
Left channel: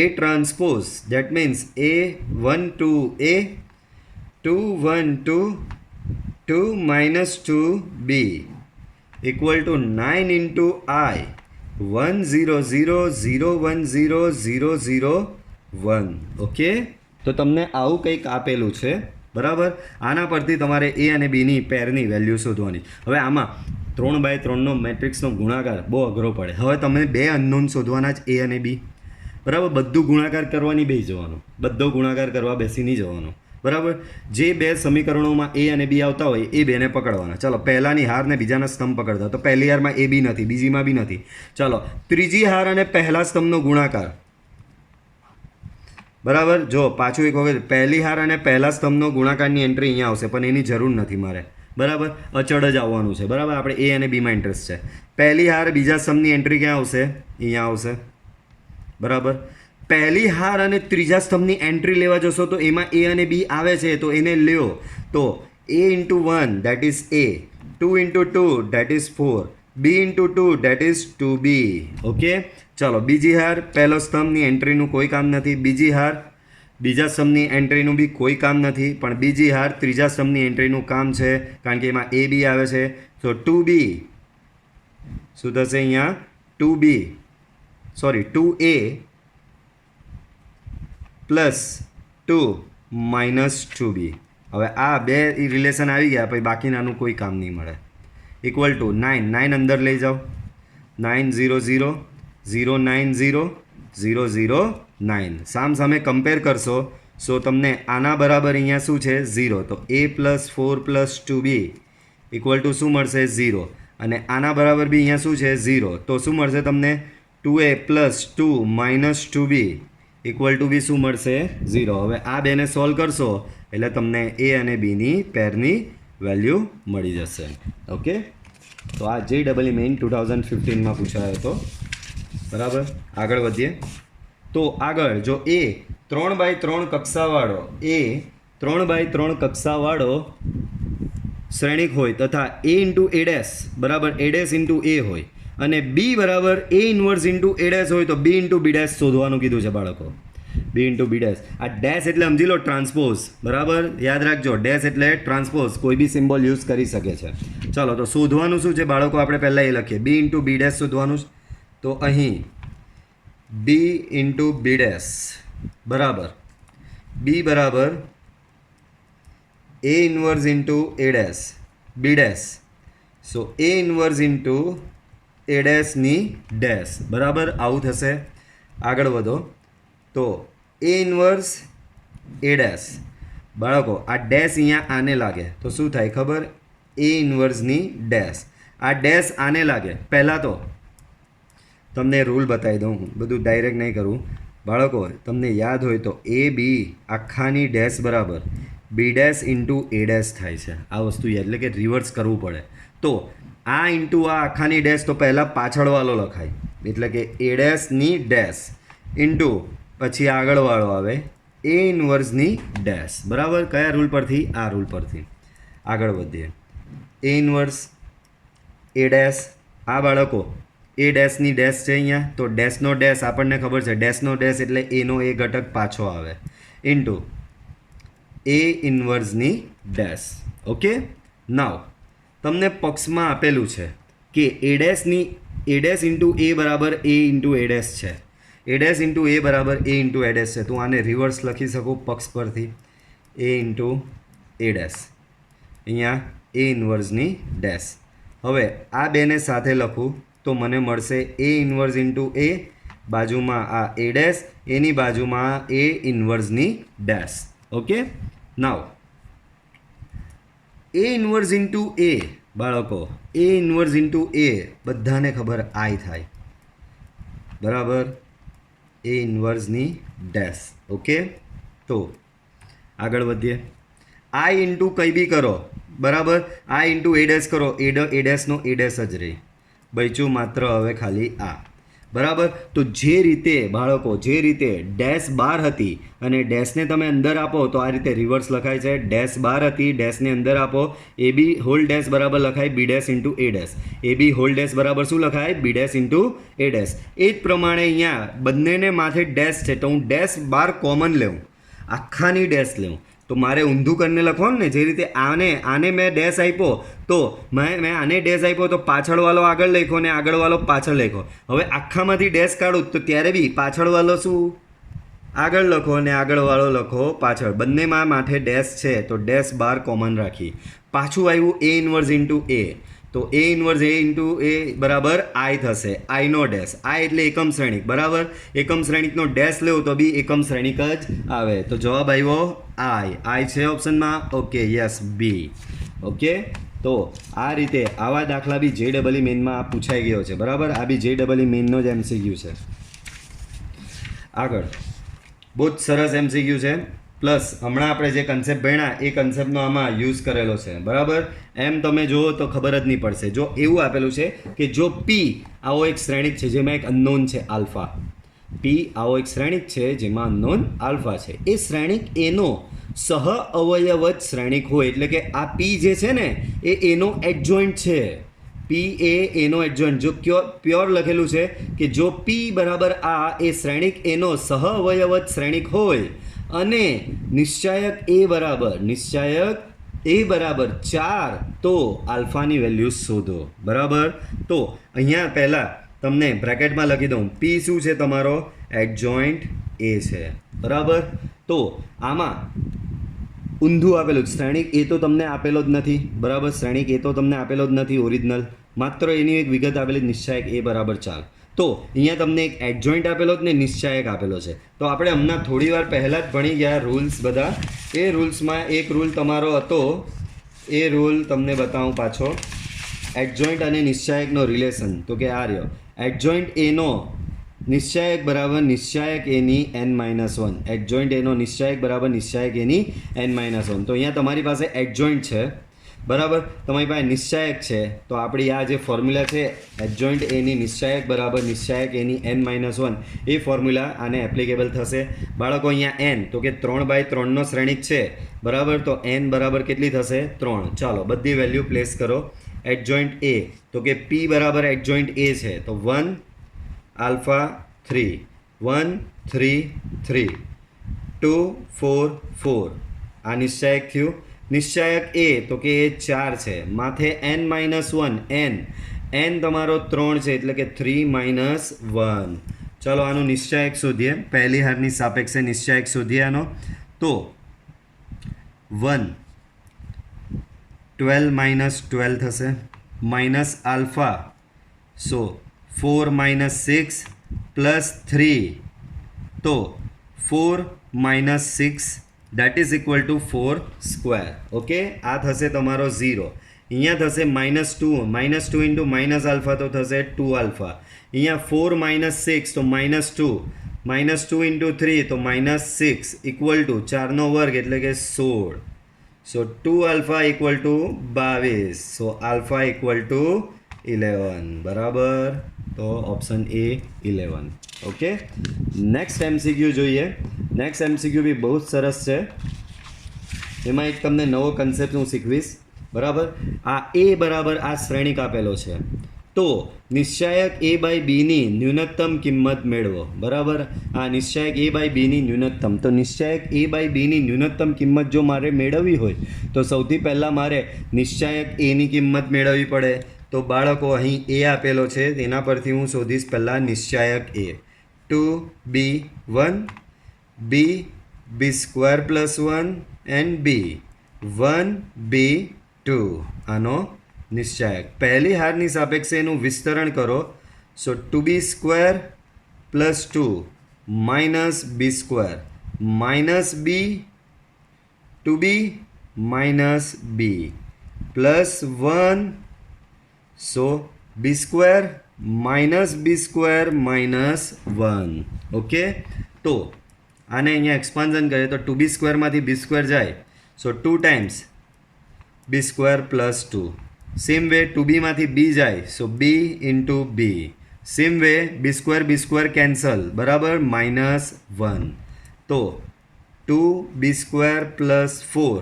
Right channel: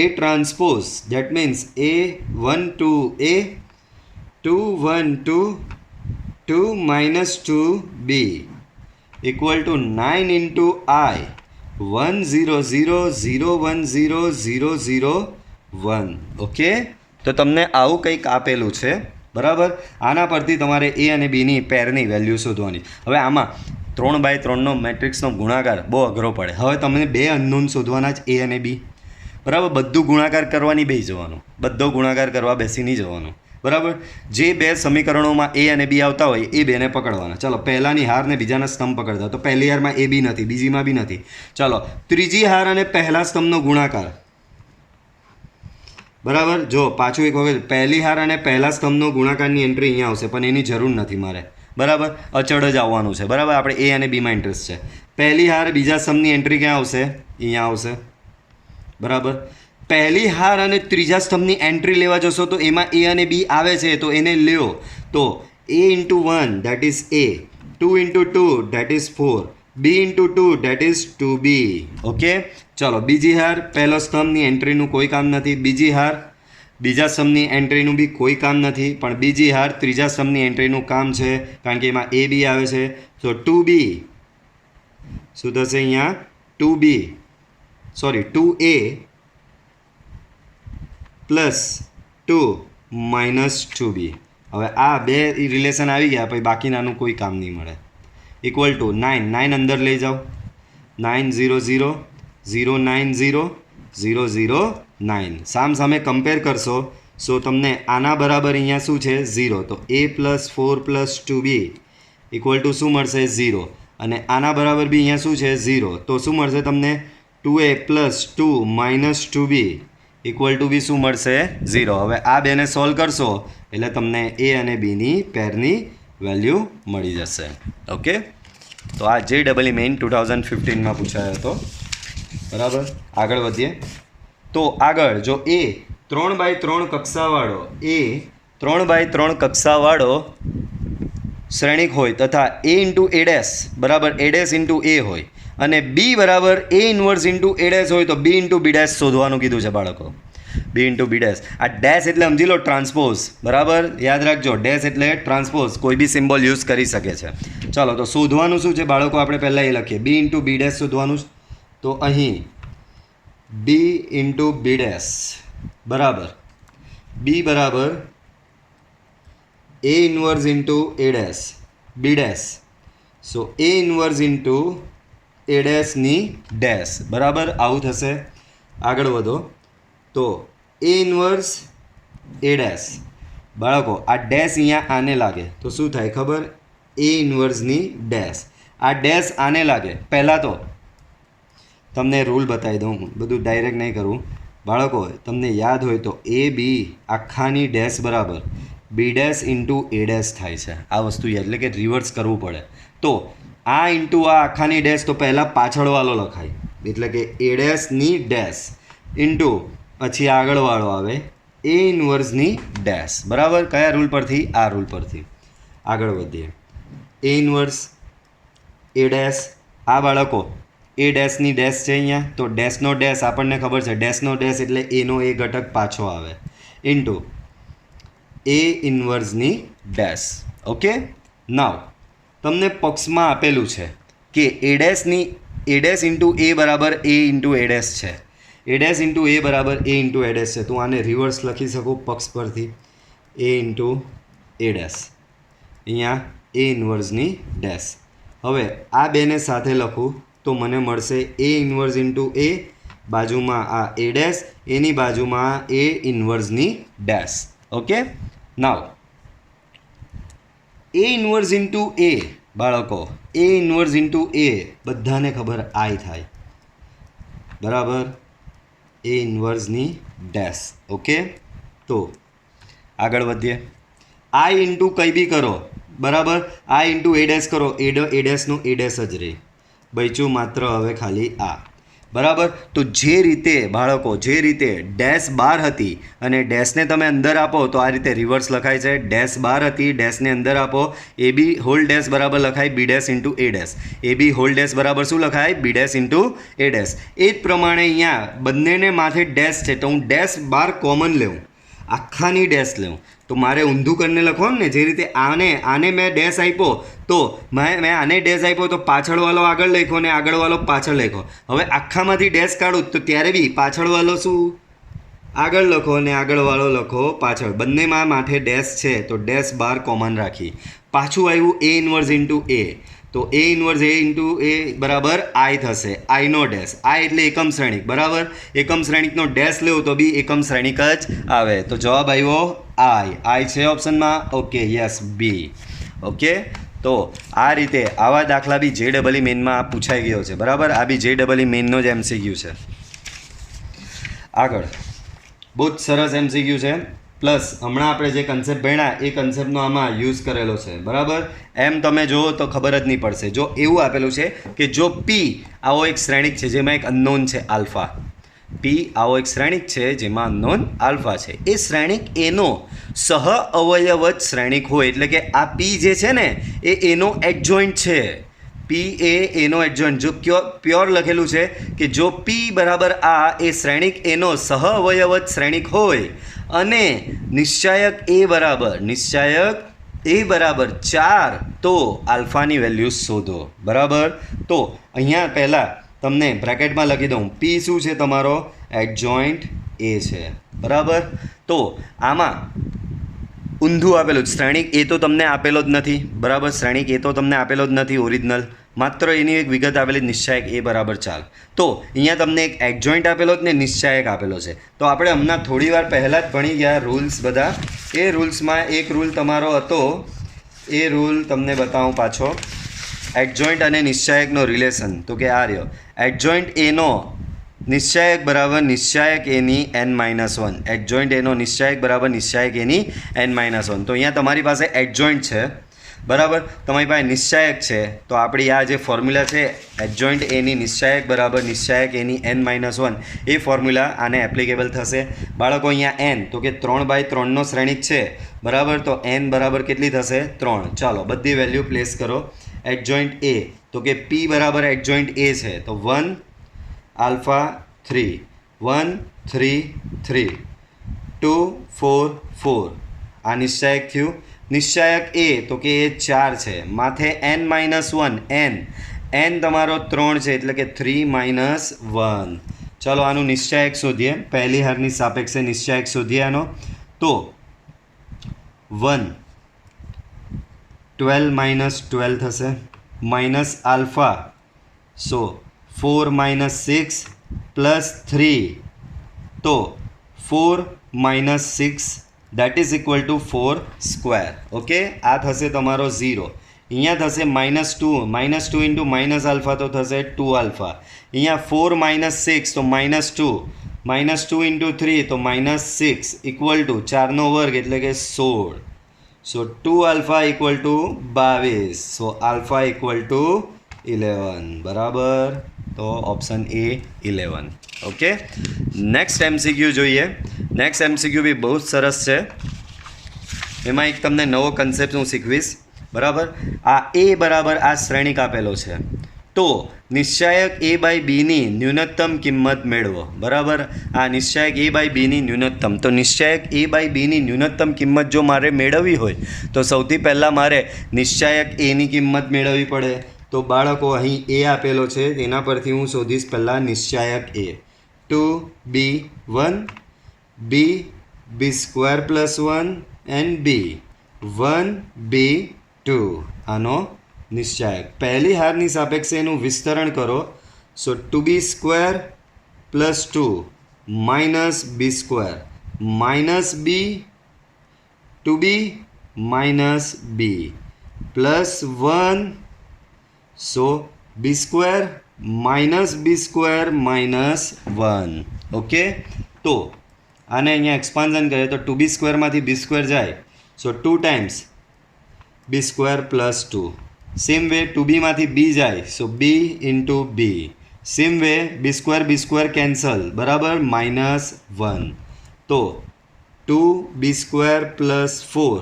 A transpose. That means A 1 2 A 2 1 2 2 -2 B equal to 9 into I 1 0 0 0 1 0 0 0 1. Okay, તો તમને આવું કંઈક આપેલું છે બરાબર. આના પરથી તમારે A અને Bની પેરની વેલ્યુ શોધવાની. હવે આમાં 3x3નો મેટ્રિક્સનો ગુણાકાર બહુ અઘરો પડે. હવે તમને 2 અનનોન શોધવાના જ A અને B બરાબર. બધું ગુણાકાર કરવાની બેસી જવાનું, બધો ગુણાકાર કરવા બેસી નહીં જવાનું બરાબર. જે 2 સમીકરણોમાં A અને B આવતા હોય એ 2ને પકડવાના. ચાલો, પહેલાની હાર ને બીજાના સ્તંભ પકડતા. તો પહેલી હારમાં A B નથી, બીજીમાં બી નથી. ચાલો, ત્રીજી હાર અને પહેલા સ્તંભનો ગુણાકાર બરાબર. જો પાછું એક વખત, પહેલી હાર અને પહેલા સ્તંભનો ગુણાકારની એન્ટ્રી અહીંયા આવશે, પણ એની જરૂર નથી મારે બરાબર. અચળ જ આવવાનું છે બરાબર. આપણે A અને Bમાં ઇન્ટરેસ્ટ છે. પહેલી હાર બીજા સ્તંભની એન્ટ્રી ક્યાં આવશે? અહીંયા આવશે બરાબર. પહેલી હાર અને ત્રીજા સ્તંભની એન્ટ્રી લેવા જશો તો એમાં A અને B આવે છે તો એને લ્યો. તો A × 1 that is A, 2 × 2 that is 4, B × 2 that is 2B. Okay, ચાલો, બીજી હાર પહેલો સ્તંભની એન્ટ્રીનું કોઈ કામ નથી. બીજી હાર બીજા સ્તંભની એન્ટ્રીનું બી કોઈ કામ નથી, પણ બીજી હાર ત્રીજા સ્તંભની એન્ટ્રીનું કામ છે કારણ કે એમાં A B આવે છે. તો 2B શું થશે અહીંયા? 2A plus 2 -2B. હવે આ બે રિલેશન આવી ગયા, પછી બાકીનાનું કોઈ કામ નહીં મળે. ઇક્વલ ટુ 9 અંદર લઈ જાઓ. 9 0 0 0 9 0 0 0 9. સામે કમ્પેર કરશો સો તમને આના બરાબર અહીંયા શું છે? 0. તો A + 4 + 2B ઇક્વલ ટુ શું મળશે? 0. અને આના બરાબર બી અહીંયા શું છે? 0. તો શું મળશે તમને? 2A + 2 - 2B ઇક્વલ ટુ બી શું મળશે? 0. હવે આ બેને સોલ્વ કરશો એટલે તમને A અને Bની પેરની વેલ્યુ મળી જશે. ઓકે, તો આ JEE મેઇન 2015માં પૂછાયો હતો બરાબર. આગળ વધીએ. તો આગળ જો A 3x3 કક્ષાવાળો A 3x3 કક્ષાવાળો શ્રેણિક હોય તથા a ઇન્ટુ a ડેશ બરાબર a ડેશ ઇન્ટુ a હોય અને b બરાબર a inverse into a dash હોય તો b ઇન્ટુ b ડેશ શોધવાનું કીધું છે બાળકો. b into b dash. આ ડેશ એટલે સમજી લો ટ્રાન્સપોઝ, બરાબર, યાદ રાખજો. ડેશ એટલે ટ્રાન્સપોઝ, કોઈ બી સિમ્બોલ યુઝ કરી શકે છે. ચાલો તો શોધવાનું શું છે બાળકો, આપણે પહેલાં એ લખીએ. b ઇન્ટુ b ડેશ શોધવાનું. તો અહીં b ઇન્ટુ b ડેશ બરાબર b બરાબર a inverse into a dash b dash. So a inverse into a ડેશની ડેશ બરાબર આવું થશે. આગળ વધો તો a ઇન્વર્સ a ડેશ બાળકો આ ડેશ અહીંયા આને લાગે તો શું થાય ખબર, a ઇન્વર્સની ડેશ. આ ડેશ આને લાગે. પહેલાં તો તમને રૂલ બતાવી દઉં, બધું ડાયરેક્ટ નહીં કરું બાળકો. તમને યાદ હોય તો a b આખાની ડેશ બરાબર b dash into a dash થાય છે. આ વસ્તુ એટલે કે રિવર્સ કરવું પડે. તો આ ઇન્ટુ આ આખાની ડેશ તો પહેલાં પાછળવાળો લખાય, એટલે કે a ડેશની ડેશ ઇન્ટુ પછી આગળવાળો આવે a ઇન્વર્સની ડેશ બરાબર. કયા રૂલ પરથી? આ રૂલ પરથી. આગળ વધીએ. a ઇન્વર્સ a ડેશ આ બાળકો a ડેશની ડેશ છે અહીંયા, તો ડેશનો ડેશ આપણને ખબર છે, ડેશનો ડેશ એટલે એનો એ ઘટક પાછો આવે ઇન્ટુ a ઇન્વર્સની ડેશ. ઓકે, નાવ તમને પક્ષમાં આપેલું છે કે a ડેશ ઇન્ટુ a બરાબર a ઇન્ટુ a ડેશ છે. a ડેશ ઇન્ટુ a બરાબર a ઇન્ટુ a ડેશ છે. તો આને રિવર્સ લખી શકું પક્ષ પરથી, a ઇન્ટુ a ડેશ અહીંયા a ઇન્વર્સની ડેશ. હવે આ બેને સાથે લખું તો મને મળશે a ઇન્વર્સ ઇન્ટુ a, બાજુમાં આ a ડેશ, એની બાજુમાં a ઇન્વર્સની dash. Okay, now a inverse into a બાળકો a ઇન્વર્સ ઇન્ટુ a બધાને ખબર I થાય બરાબર, a ઇન્વર્સની ડેશ. ઓકે, તો આગળ વધીએ. I ઇન્ટુ કંઈ બી કરો બરાબર, I ઇન્ટુ a ડેશ કરો, a ડેશનો a ડેશ જ રહે, બચ્યું માત્ર હવે ખાલી આ બરાબર. તો જે રીતે બાળકો જે રીતે ડેશ બાર હતી અને ડેશને તમે અંદર આપો તો આ રીતે રિવર્સ લખાય છે. ડેશ બાર હતી, ડેશને અંદર આપો, એ બી હોલ ડેશ બરાબર લખાય B dash into A dash. A B whole dash બરાબર શું લખાય? B dash into A dash. એ જ પ્રમાણે અહીંયા બંનેને માથે ડેશ છે તો હું ડેશ બાર કોમન લેવું, આખાની ડેશ લેવું. તો મારે ઊંધું કરીને લખવાનું ને, જે રીતે આને મેં ડેશ આપ્યો તો મેં આને ડેશ આપ્યો તો પાછળવાળો આગળ લખ્યો ને આગળવાળો પાછળ લખ્યો. હવે આખામાંથી ડેશ કાઢું તો ત્યારે બી પાછળવાળો શું આગળ લખો અને આગળવાળો લખો પાછળ. બંનેમાં માથે ડેશ છે તો ડેશ બાર કોમન રાખી. પાછું આવ્યું a ઇન્વર્સ ઇન્ટુ a, તો a inverse a into a બરાબર I થશે, આઈનો ડેશ. I એટલે એકમ શ્રેણિક બરાબર, એકમ શ્રેણિકનો ડેશ લેવો તો બી એકમ શ્રેણિક જ આવે. તો જવાબ આવ્યો I છે ઓપ્શનમાં. ઓકે, યસ, બી. ઓકે, તો આ રીતે આવા દાખલા બી JEE મેઇનમાં પૂછાઈ ગયો છે બરાબર. આ બી JEE મેઇનનો જ MCQ છે. આગળ બહુ જ સરસ MCQ છે. પ્લસ હમણાં આપણે જે કન્સેપ્ટ ભણ્યા એ કન્સેપ્ટનો આમાં યુઝ કરેલો છે બરાબર. એમ તમે જુઓ તો ખબર જ નહીં પડશે. જો એવું આપેલું છે કે જો P આવો એક શ્રેણિક છે જેમાં એક અનનોન છે આલ્ફા, P આવો એક શ્રેણિક છે જેમાં અનનોન આલ્ફા છે, એ શ્રેણિક એનો સહ અવયવજ શ્રેણિક હોય, એટલે કે આ P જે છે ને એ એનો એડજોઇન્ટ છે. P એ એનો એડજોઇન્ટ, જો પ્યોર લખેલું છે કે જો P બરાબર આ એ શ્રેણિક એનો સહ અવયવજ શ્રેણિક હોય અને નિશ્ચાયક a બરાબર 4 તો આલ્ફાની વેલ્યુ શોધો બરાબર. તો અહીંયા પહેલાં તમને બ્રેકેટમાં લખી દઉં, P શું છે તમારો? એડજોઇન્ટ a છે બરાબર. તો આમાં ઊંધું આપેલું જ શ્રેણિક એ તો તમને આપેલો જ નથી બરાબર, શ્રેણિક એ તો તમને આપેલો જ નથી ઓરિજિનલ, માત્ર એની એક વિગત આપેલી નિશ્ચાયક a બરાબર 4. તો અહીંયા તમને એક એડજોઇન્ટ આપેલો જ ને નિશ્ચાયક આપેલો છે. તો આપણે હમણાં થોડી વાર પહેલાં જ ભણી ગયા રૂલ્સ બધા. એ રૂલ્સમાં એક રૂલ તમારો હતો, એ રૂલ તમને બતાવું પાછો. એડજોઇન્ટ અને નિશ્ચાયકનો રિલેશન, તો કે આ રહ્યો એડજોઇન્ટ એનો નિશ્ચાયક બરાબર નિશ્ચાયક એની n-1, એડજોઇન્ટ એનો નિશ્ચાયક બરાબર નિશ્ચાયક એની n-1. તો અહીંયા તમારી પાસે એડજોઇન્ટ છે બરાબર. તમારી પાસે નિશ્ચાયક છે તો આપણી આ જે ફોર્મ્યુલા છે એડજોઇન્ટ એની નિશ્ચાયક બરાબર નિશ્ચાયક એની n-1 એ ફોર્મ્યુલા આને એપ્લિકેબલ થશે. બાળકો અહીંયા n તો કે 3/3નો શ્રેણિક છે બરાબર, તો n બરાબર કેટલી થશે 3. ચાલો બધી વેલ્યુ પ્લેસ કરો. એડજોઇન્ટ એ તો કે p બરાબર એડજોઇન્ટ એ છે તો 1 આલ્ફા 3 1 3 3 2 4 4 આ નિશ્ચાયક થયું. નિશ્ચાયક એ તો કે એ 4 છે, માથે n-1 n તમારો 3 છે એટલે કે 3-1. ચાલો આનું નિશ્ચાયક શોધીએ. પહેલી હારની સાપેક્ષે નિશ્ચાયક શોધીએ આનો. તો 1 12 થશે માઇનસ આલ્ફા, સો 4 - 6 પ્લસ 3 તો 4 - 6 that is equal to 4 square. Okay, આ થશે તમારો 0. અહીંયા થશે -2 -2 ઇન્ટુ માઇનસ આલ્ફા તો થશે 2 આલ્ફા. અહીંયા 4 - 6 તો -2 -2 ઇન્ટુ 3 તો -6 ઇક્વલ ટુ 4નો વર્ગ એટલે કે 16. સો 2 alpha equal to 22. So alpha equal to 11 બરાબર. તો option A 11. Okay, next MCQ જોઈએ. નેક્સ્ટ MCQ બી બહુ જ સરસ છે. એમાં એક તમને નવો કન્સેપ્ટ હું શીખવીશ બરાબર. આ એ બરાબર આ શ્રેણિક આપેલો છે તો નિશ્ચાયક a/bની ન્યૂનતમ કિંમત મેળવો બરાબર. આ નિશ્ચાયક a/bની ન્યૂનતમ, તો નિશ્ચાયક a/bની ન્યૂનતમ કિંમત જો મારે મેળવવી હોય તો સૌથી પહેલાં મારે નિશ્ચાયક એની કિંમત મેળવવી પડે. તો બાળકો અહીં એ આપેલો છે તેના પરથી હું શોધીશ પહેલાં નિશ્ચાયક એ. 2b1 b² + 1 and b 1b2 આનો નિશ્ચાયક. પહેલી હારની સાપેક્ષે એનું વિસ્તરણ કરો. સો 2b² + 2 - b² -b 2b - b plus 1 સો b² -b² -1. ઓકે, તો આને અહીંયા એક્સપાન્ઝન કરીએ તો 2b² માંથી b² જાય સો 2 times b² + 2. Same way 2b માંથી b જાય so b into b. Same way b² cancel બરાબર -1. તો 2b² + 4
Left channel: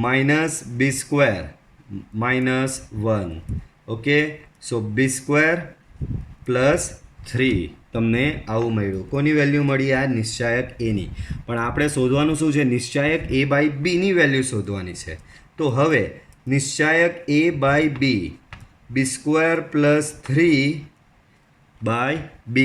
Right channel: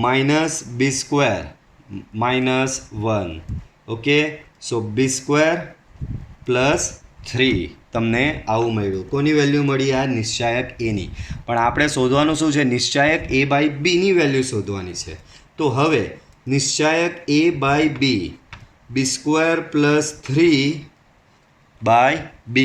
-b² -1. ઓકે, સો b² + 3 તમને આવું મળ્યું. કોની વેલ્યુ મળી? આ નિશ્ચાયક એની. પણ આપણે શોધવાનું શું છે? નિશ્ચાયક a/bની વેલ્યુ શોધવાની છે. તો હવે નિશ્ચાયક a/b b² + 3/b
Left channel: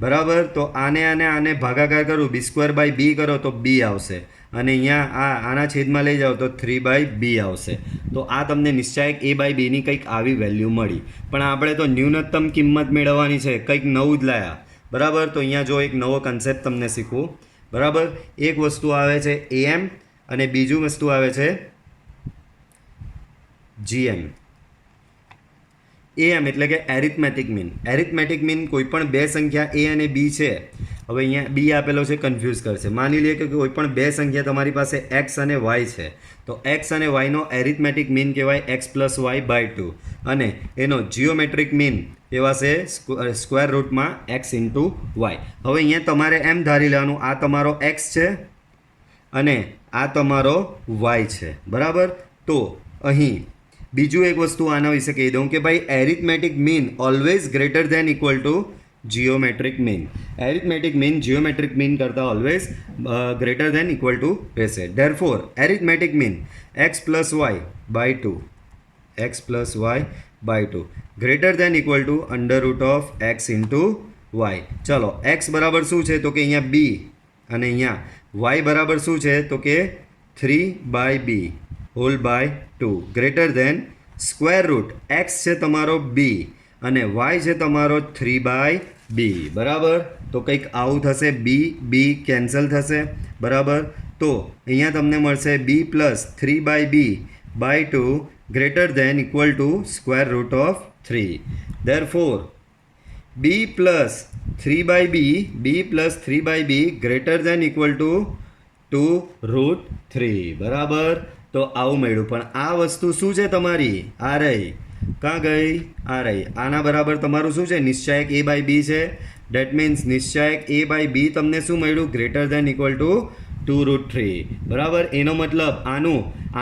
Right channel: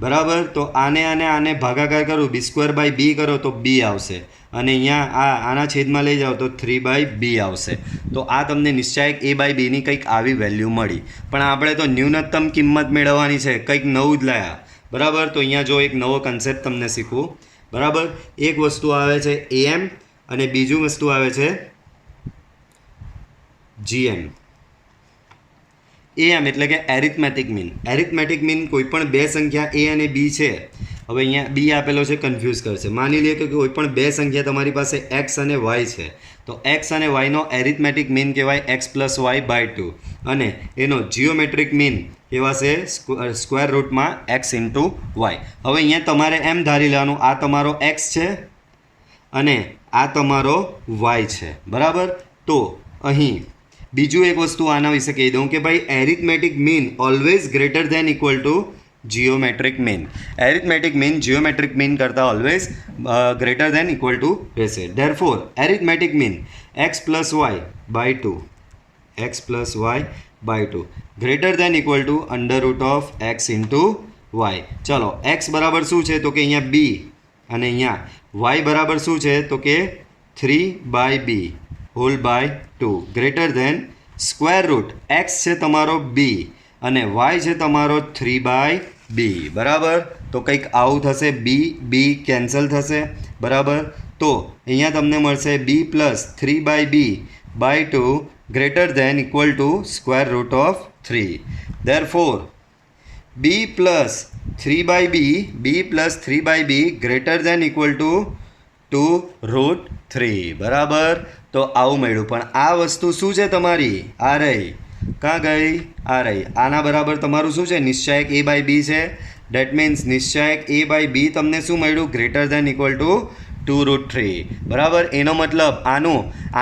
બરાબર. તો આને ભાગાકાર કરું, b²/b કરો તો b આવશે અને અહીંયા આના છેદમાં લઈ જાઓ તો 3/b આવશે. તો આ તમને નિશ્ચાયક a/bની કંઈક આવી વેલ્યુ મળી. પણ આપણે તો ન્યૂનતમ કિંમત મેળવવાની છે, કંઈક નવું જ લાયા બરાબર. તો અહીંયા જો એક નવો કન્સેપ્ટ તમને શીખવું બરાબર. એક વસ્તુ આવે છે am અને બીજું વસ્તુ આવે છે gm. am એટલે કે એરિથમેટિક મીન. એરિથમેટિક મીન કોઈ પણ બે સંખ્યા a અને b છે. હવે અહીંયા b આપેલો છે, કન્ફ્યુઝ કરશે. માની લઈએ કે કોઈ પણ બે સંખ્યા તમારી પાસે x અને y છે તો x અને yનો એરિથમેટિક મીન કહેવાય x + y/2 અને એનો જીઓમેટ્રિક મીન કહેવાશે સ્ક્વેર રૂટમાં x × y. હવે અહીંયા તમારે એમ ધારી લેવાનું આ તમારો x છે અને આ તમારો y છે બરાબર. તો અહીં બીજું એક વસ્તુ આના વિશે કહી દઉં કે ભાઈ arithmetic mean always greater than equal to geometric mean. Arithmetic mean geometric mean કરતાં always greater than equal to રહેશે. Therefore arithmetic mean x + y/2 greater than equal to √(x × y). ચલો x બરાબર શું છે તો કે અહીંયા b અને અહીંયા y બરાબર શું છે તો કે 3/b² greater than square root x છે તમારો b અને y છે તમારો 3/b બરાબર. તો કંઈક આવું થશે, b કેન્સલ થશે બરાબર. તો અહીંયા તમને મળશે b + 3/b/2 greater than equal to √3. Therefore b + 3/b greater than equal to 2√3 બરાબર. તો આવું મળ્યું. પણ આ વસ્તુ શું છે તમારી? આ રહી. કાં ગઈ? આ રહી. આના બરાબર તમારું શું છે? નિશ્ચાયક a બાય બી છે. ડેટ મીન્સ નિશ્ચાયક a બાય બી તમને શું મળ્યું? Greater than equal to 2√3. બરાબર. એનો મતલબ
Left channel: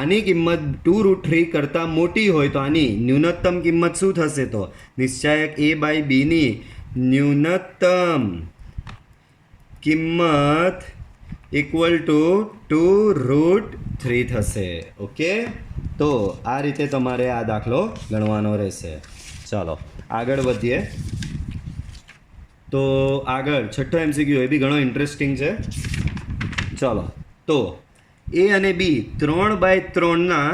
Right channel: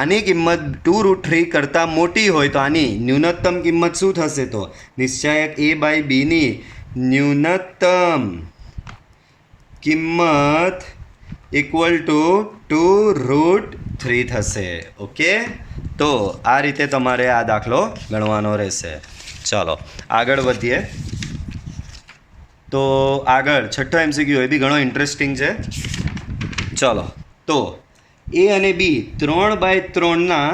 આની કિંમત 2√3 કરતાં મોટી હોય તો આની ન્યૂનતમ કિંમત શું થશે? તો નિશ્ચાયક a બાય બીની ન્યૂનતમ કિંમત ઇક્વલ ટુ 2√3 થશે. ઓકે, તો આ રીતે તમારે આ દાખલો ગણવાનો રહેશે. ચાલો આગળ વધીએ. તો આગળ છઠ્ઠો MCQ એ બી ઘણો ઇન્ટરેસ્ટિંગ છે. ચલો, તો એ અને બી 3/3ના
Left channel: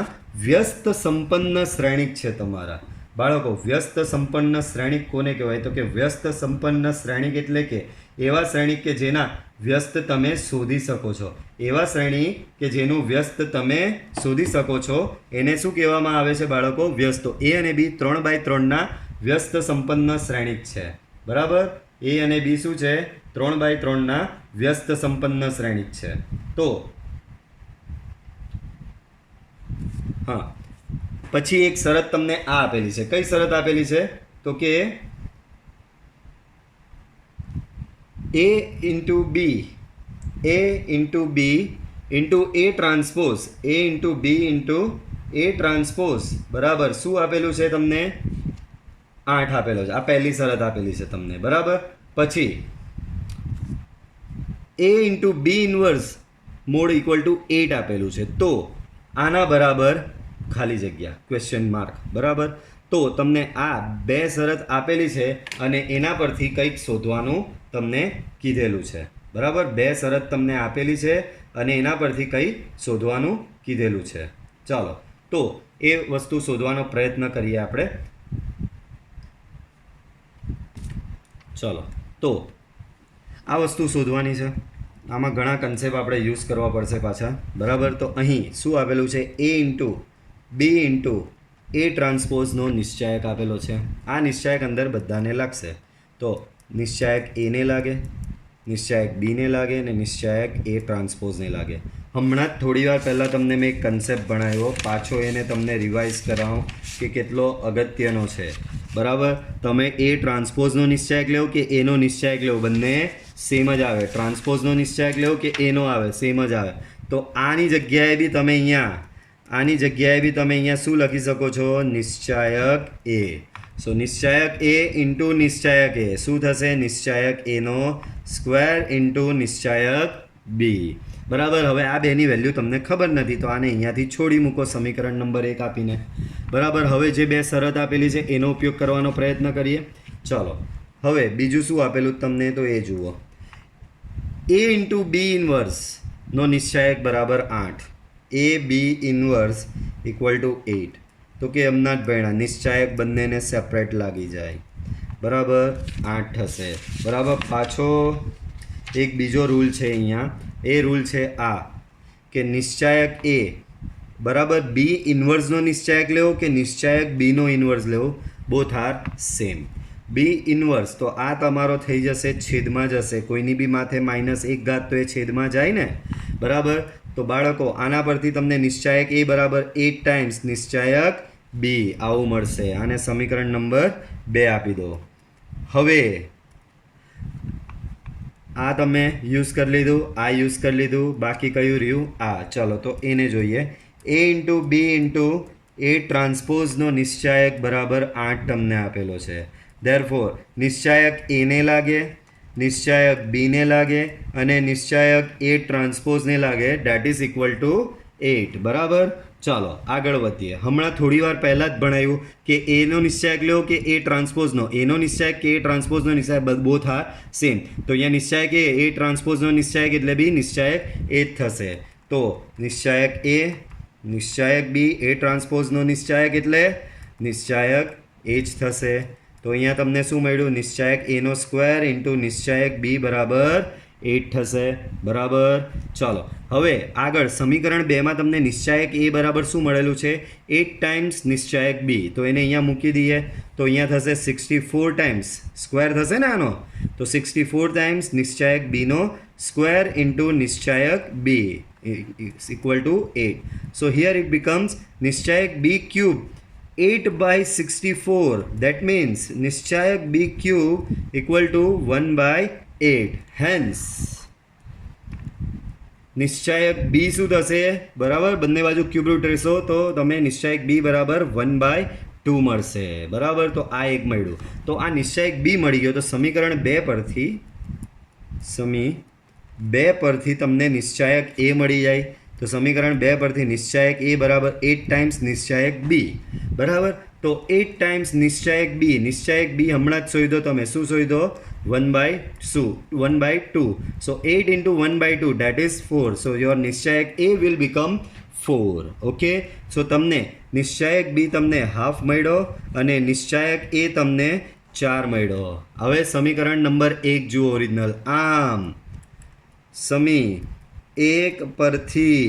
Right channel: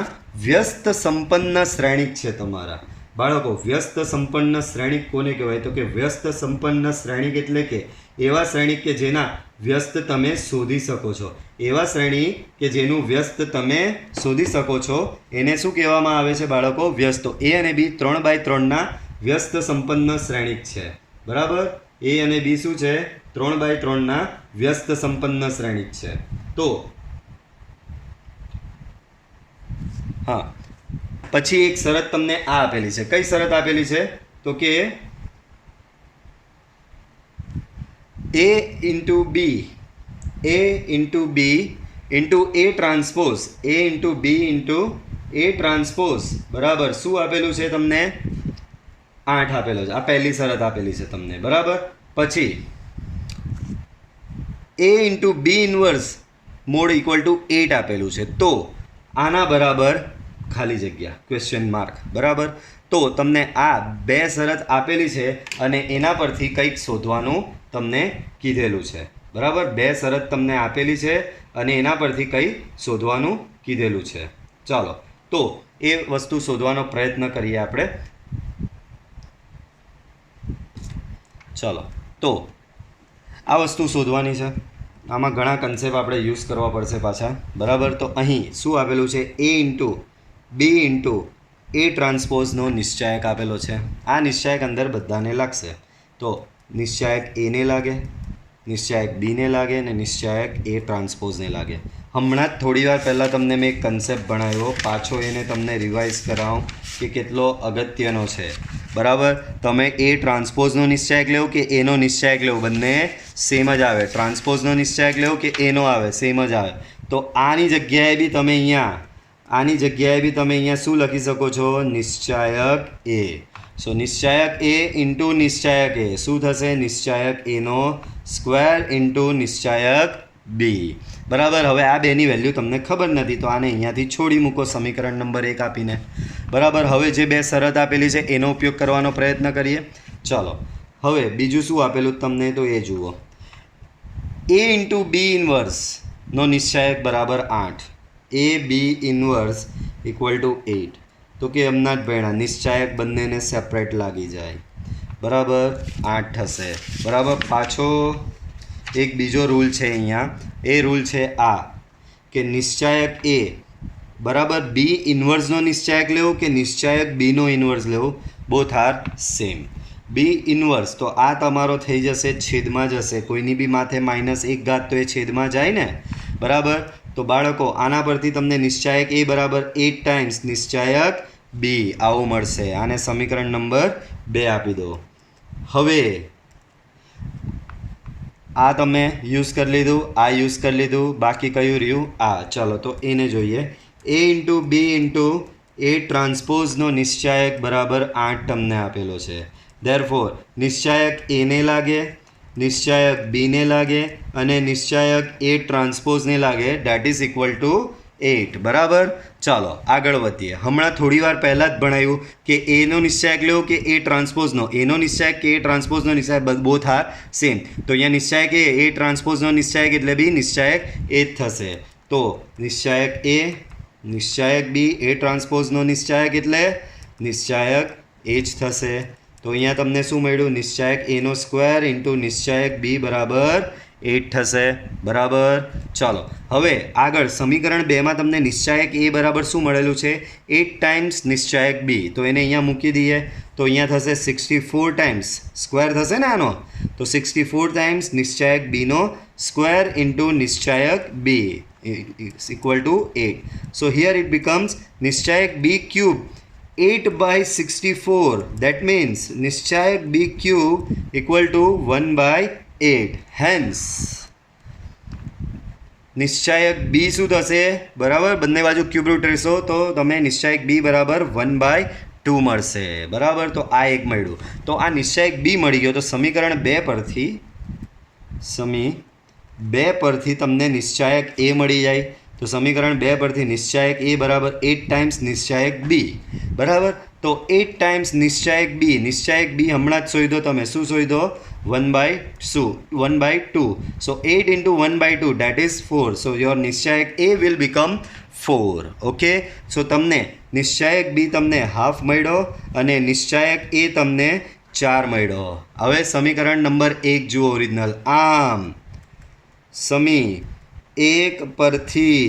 વ્યસ્ત સંપન્ન શ્રેણિક છે તમારા બાળકો. વ્યસ્ત સંપન્ન શ્રેણિક કોને કહેવાય? તો કે વ્યસ્ત સંપન્ન શ્રેણિક એટલે કે એવા શ્રેણિક કે જેના વ્યસ્ત તમે શોધી શકો છો. એવા શ્રેણિક કે જેનું વ્યસ્ત તમે શોધી શકો છો એને શું કહેવામાં આવે છે બાળકો? વ્યસ્ત. તો એ અને બી 3/3ના વ્યસ્ત સંપન્ન શ્રેણિક છે. બરાબર. એ અને બી શું છે? 3/3ના વ્યસ્ત સંપન્ન શ્રેણિક છે. તો હા, પછી એક શરત તમને આ આપેલી છે. કઈ શરત આપેલી છે? તો કે a into B into A transpose બરાબર શું આપેલું છે તમને? 8 આપેલો છે. આ પહેલી શરત આપેલી છે તમને. બરાબર. પછી a into B inverse mod equal to 8 આપેલું છે. તો આના બરાબર ખાલી જગ્યા ક્વેશ્ચન માર્ક. બરાબર. તો તમને આ બે શરત આપેલી છે અને એના પરથી કંઈક શોધવાનું તમને કીધેલું છે. બરાબર. બે શરત તમને આપેલી છે અને એના પરથી કંઈ શોધવાનું કીધેલું છે. ચાલો, તો એ વસ્તુ શોધવાનો પ્રયત્ન કરીએ આપણે. ચાલો, તો આ વસ્તુ શોધવાની છે. આમાં ઘણા કન્સેપ્ટ આપણે યુઝ કરવા પડશે પાછા. બરાબર. તો અહીં શું આપેલું છે? એ ઇન્ટુ બી ઇન્ટુ એ ટ્રાન્સપોઝનો નિશ્ચાયક આપેલો છે. આ નિશ્ચાયક અંદર બધાને લાગશે. તો નિશ્ચાયક એને લાગે, નિશ્ચાયક બીને લાગે અને નિશ્ચાયક એ ટ્રાન્સપોઝને લાગે. હમણાં જ થોડી વાર પહેલાં તમને મેં એક કન્સેપ્ટ ભણાવ્યો. પાછો એને તમને રિવાઇઝ કરાવું કે કેટલો અગત્યનો છે. બરાબર. તમે એ ટ્રાન્સપોઝનો નિશ્ચાયક લેવો કે એનો નિશ્ચાયક લેવો, બંને સેમ જ આવે. ટ્રાન્સપોઝનો નિશ્ચાયક લેવો કે એનો આવે, સેમ જ આવે. તો આની જગ્યાએ બી તમે અહીંયા શું લખી શકો છો? નિશ્ચાયક એ. સો નિશ્ચાયક એ ઇન્ટુ નિશ્ચાયક એ શું થશે? નિશ્ચાયક એનો સ્ક્વેર ઇન્ટુ નિશ્ચાયક બી. બરાબર. હવે આ બેની વેલ્યુ તમને ખબર નથી તો આને અહીંયાથી છોડી મૂકો સમીકરણ નંબર 1 આપીને. બરાબર. હવે જે બે શરત આપેલી છે એનો ઉપયોગ કરવાનો પ્રયત્ન કરીએ. ચાલો, હવે બીજું શું આપેલું તમને તો એ જુઓ. એ ઇન્ટુ બી ઇન્વર્સનો નિશ્ચાયક બરાબર 8. એ બી ઇન્વર્સ ઇક્વલ ટુ 8. તો કે હમણાં જ ભણ્યા નિશ્ચાયક બંનેને સેપરેટ લાગી જાય. બરાબર. 8 થશે. બરાબર. પાછો એક બીજો રૂલ છે અહીંયા. એ રૂલ છે આ કે નિશ્ચાયક એ બરાબર બી ઇન્વર્સનો નિશ્ચાયક લેવો કે નિશ્ચાયક બીનો ઇન્વર્સ લેવો, both are same. B inverse તો આ તમારો થઈ જશે છેદમાં જશે. કોઈની બી માથે -1 તો એ છેદમાં જાય ને. બરાબર. તો બાળકો આના પરથી તમને નિશ્ચાયક એ બરાબર 8 ટાઈમ્સ નિશ્ચાયક બી આવું મળશે. આને સમીકરણ નંબર 2 આપી દો. હવે આ તમે યુઝ કરી લીધું, આ યુઝ કરી લીધું, બાકી કયું રહ્યું? આ. ચાલો, તો એને જોઈએ. એ ઇન્ટુ બી ઇન્ટુ એ ટ્રાન્સપોઝનો નિશ્ચાયક બરાબર 8 તમને આપેલો છે. ધેરફોર નિશ્ચાયક એને લાગે, નિશ્ચાયક બીને લાગે અને નિશ્ચાયક એ ટ્રાન્સપોઝને લાગે. That is equal to 8. બરાબર. ચાલો આગળ વધીએ. હમણાં થોડી વાર પહેલાં જ ભણાવ્યું કે એનો નિશ્ચાયક લેવો કે એ ટ્રાન્સપોઝનો. એનો નિશ્ચાયક કે એ ટ્રાન્સપોઝનો નિશ્ચાયક બોથ આર સેમ. તો અહીંયા નિશ્ચાયક એ ટ્રાન્સપોઝનો નિશ્ચાયક એટલે બી નિશ્ચાયક એ જ થશે. તો નિશ્ચાયક એ, નિશ્ચાયક બી એ ટ્રાન્સપોઝનો નિશ્ચાયક એટલે નિશ્ચાયક એ જ થશે. તો અહીંયા તમને શું મળ્યું? નિશ્ચાયક એનો સ્ક્વેર ઇન્ટુ નિશ્ચાયક બી બરાબર 8 થશે. બરાબર. ચાલો હવે આગળ સમીકરણ 2માં તમને નિશ્ચાયક એ બરાબર શું મળેલું છે? 8 ટાઈમ્સ નિશ્ચાયક બી. તો એને અહીંયા મૂકી દઈએ તો અહીંયા થશે 64 ટાઈમ્સ સ્ક્વેર થશે ને આનો. તો 64 times નિશ્ચાયક Bino square into નિશ્ચાયક b is equal to 8. So here it becomes નિશ્ચાયક b cube 8 by 64. That means નિશ્ચાયક b cube equal to 1 by 8. Hence નિશ્ચાયક b શું થશે? બરાબર, બંને બાજુ ક્યુબ રૂટ રહેશો તો તમે નિશ્ચાયક b બરાબર 1/2 મળશે. બરાબર, તો આ એક મળ્યું. તો આ નિશ્ચાયક b મળી ગયો. તો સમીકરણ 2 પરથી તમને નિશ્ચાયક a મળી જાય. તો સમીકરણ 2 પરથી નિશ્ચાયક a બરાબર 8 ટાઈમ્સ નિશ્ચાયક b. બરાબર, તો 8 ટાઈમ્સ નિશ્ચાયક b. નિશ્ચાયક b હમણાં જ શોધો તમે. શું શોધો? 1/2. So 8 into 1/2, that is 4. So your નિશ્ચાયક a will become 4. Okay, so તમને નિશ્ચાયક b તમને હાફ મળ્યો અને નિશ્ચાયક a તમને 4 મળ્યો. હવે સમીકરણ નંબર 1 જુઓ ઓરિજિનલ. આમ સમી 1 પરથી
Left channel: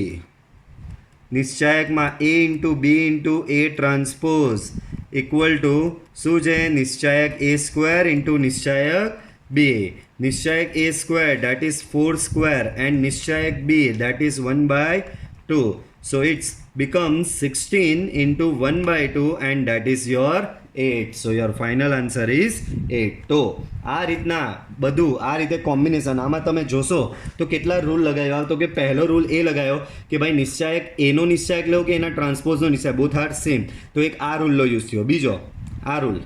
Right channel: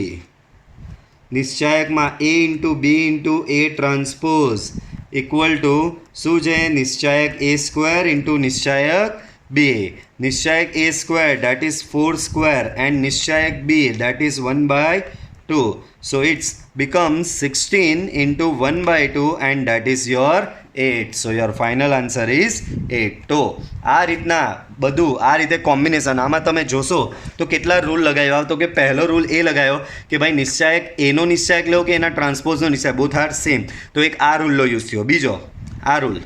નિશ્ચાયકમાં a into b into a transpose equal to શું છે? નિશ્ચાયક a સ્ક્વેર ઇન્ટુ નિશ્ચાયક b. નિશ્ચાયક a square that is 4 square and નિશ્ચાયક b that is 1/2. So it's becomes 16 into 1/2 and that is your 8. So your final answer is 8. તો આ રીતના બધું આ રીતે કોમ્બિનેશન આમાં તમે જોશો તો કેટલા રૂલ લગાવ્યા. તો કે પહેલો રૂલ એ લગાવ્યો કે ભાઈ નિશ્ચાયક એનો નિશ્ચાયક લેવો કે એના ટ્રાન્સપોઝનો નિશ્ચાયક, બોથ આર સેમ. તો એક આ રૂલનો યુઝ થયો. બીજો આ રૂલ,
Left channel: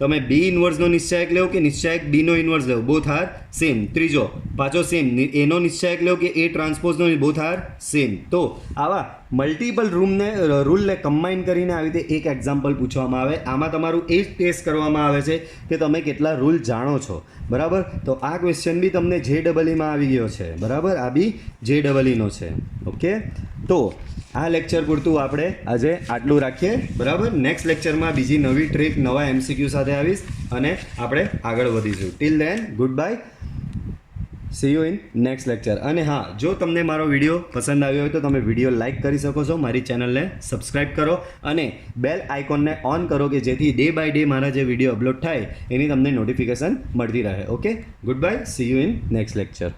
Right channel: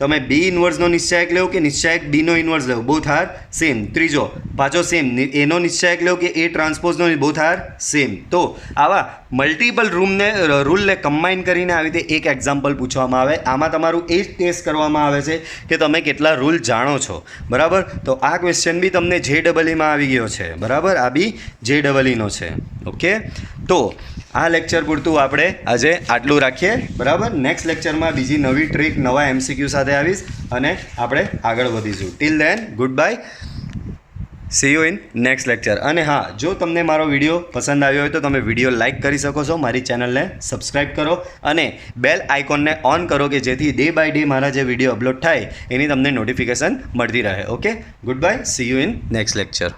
તમે બી ઇન્વર્સનો નિશ્ચાયક લેવો કે નિશ્ચાયક બીનો ઇન્વર્સ લેવો, બોથ આર સેમ. ત્રીજો પાછો સેમ, એનો નિશ્ચાયક લેવો કે એ ટ્રાન્સપોઝનો, બોથ આર સેમ. તો આવા મલ્ટિપલ રૂલને કમ્બાઈન કરીને આવી રીતે એક એક્ઝામ્પલ પૂછવામાં આવે. આમાં તમારું એ જ ટેસ્ટ કરવામાં આવે છે કે તમે કેટલા રૂલ જાણો છો. બરાબર, તો આ ક્વેશ્ચન બી તમને JEEમાં આવી ગયો છે. બરાબર, આ બી JEEનો છે. ઓકે, તો આ લેક્ચર પૂરતું આપણે આજે આટલું રાખીએ. બરાબર, નેક્સ્ટ લેક્ચરમાં બીજી નવી ટ્રીક નવા MCQ સાથે આવીશ અને આપણે આગળ વધીશું. Till then good bye, C you in next lecture. અને હા, જો તમને મારો વિડીયો પસંદ આવ્યો હોય તો તમે વિડીયો લાઇક કરી શકો છો, મારી ચેનલને સબસ્ક્રાઈબ કરો અને બેલ આઇકોનને ઓન કરો કે જેથી ડે બાય ડે મારા જે વિડીયો અપલોડ થાય એની તમને નોટિફિકેશન મળતી રહે. Okay, good bye, C you in next lecture.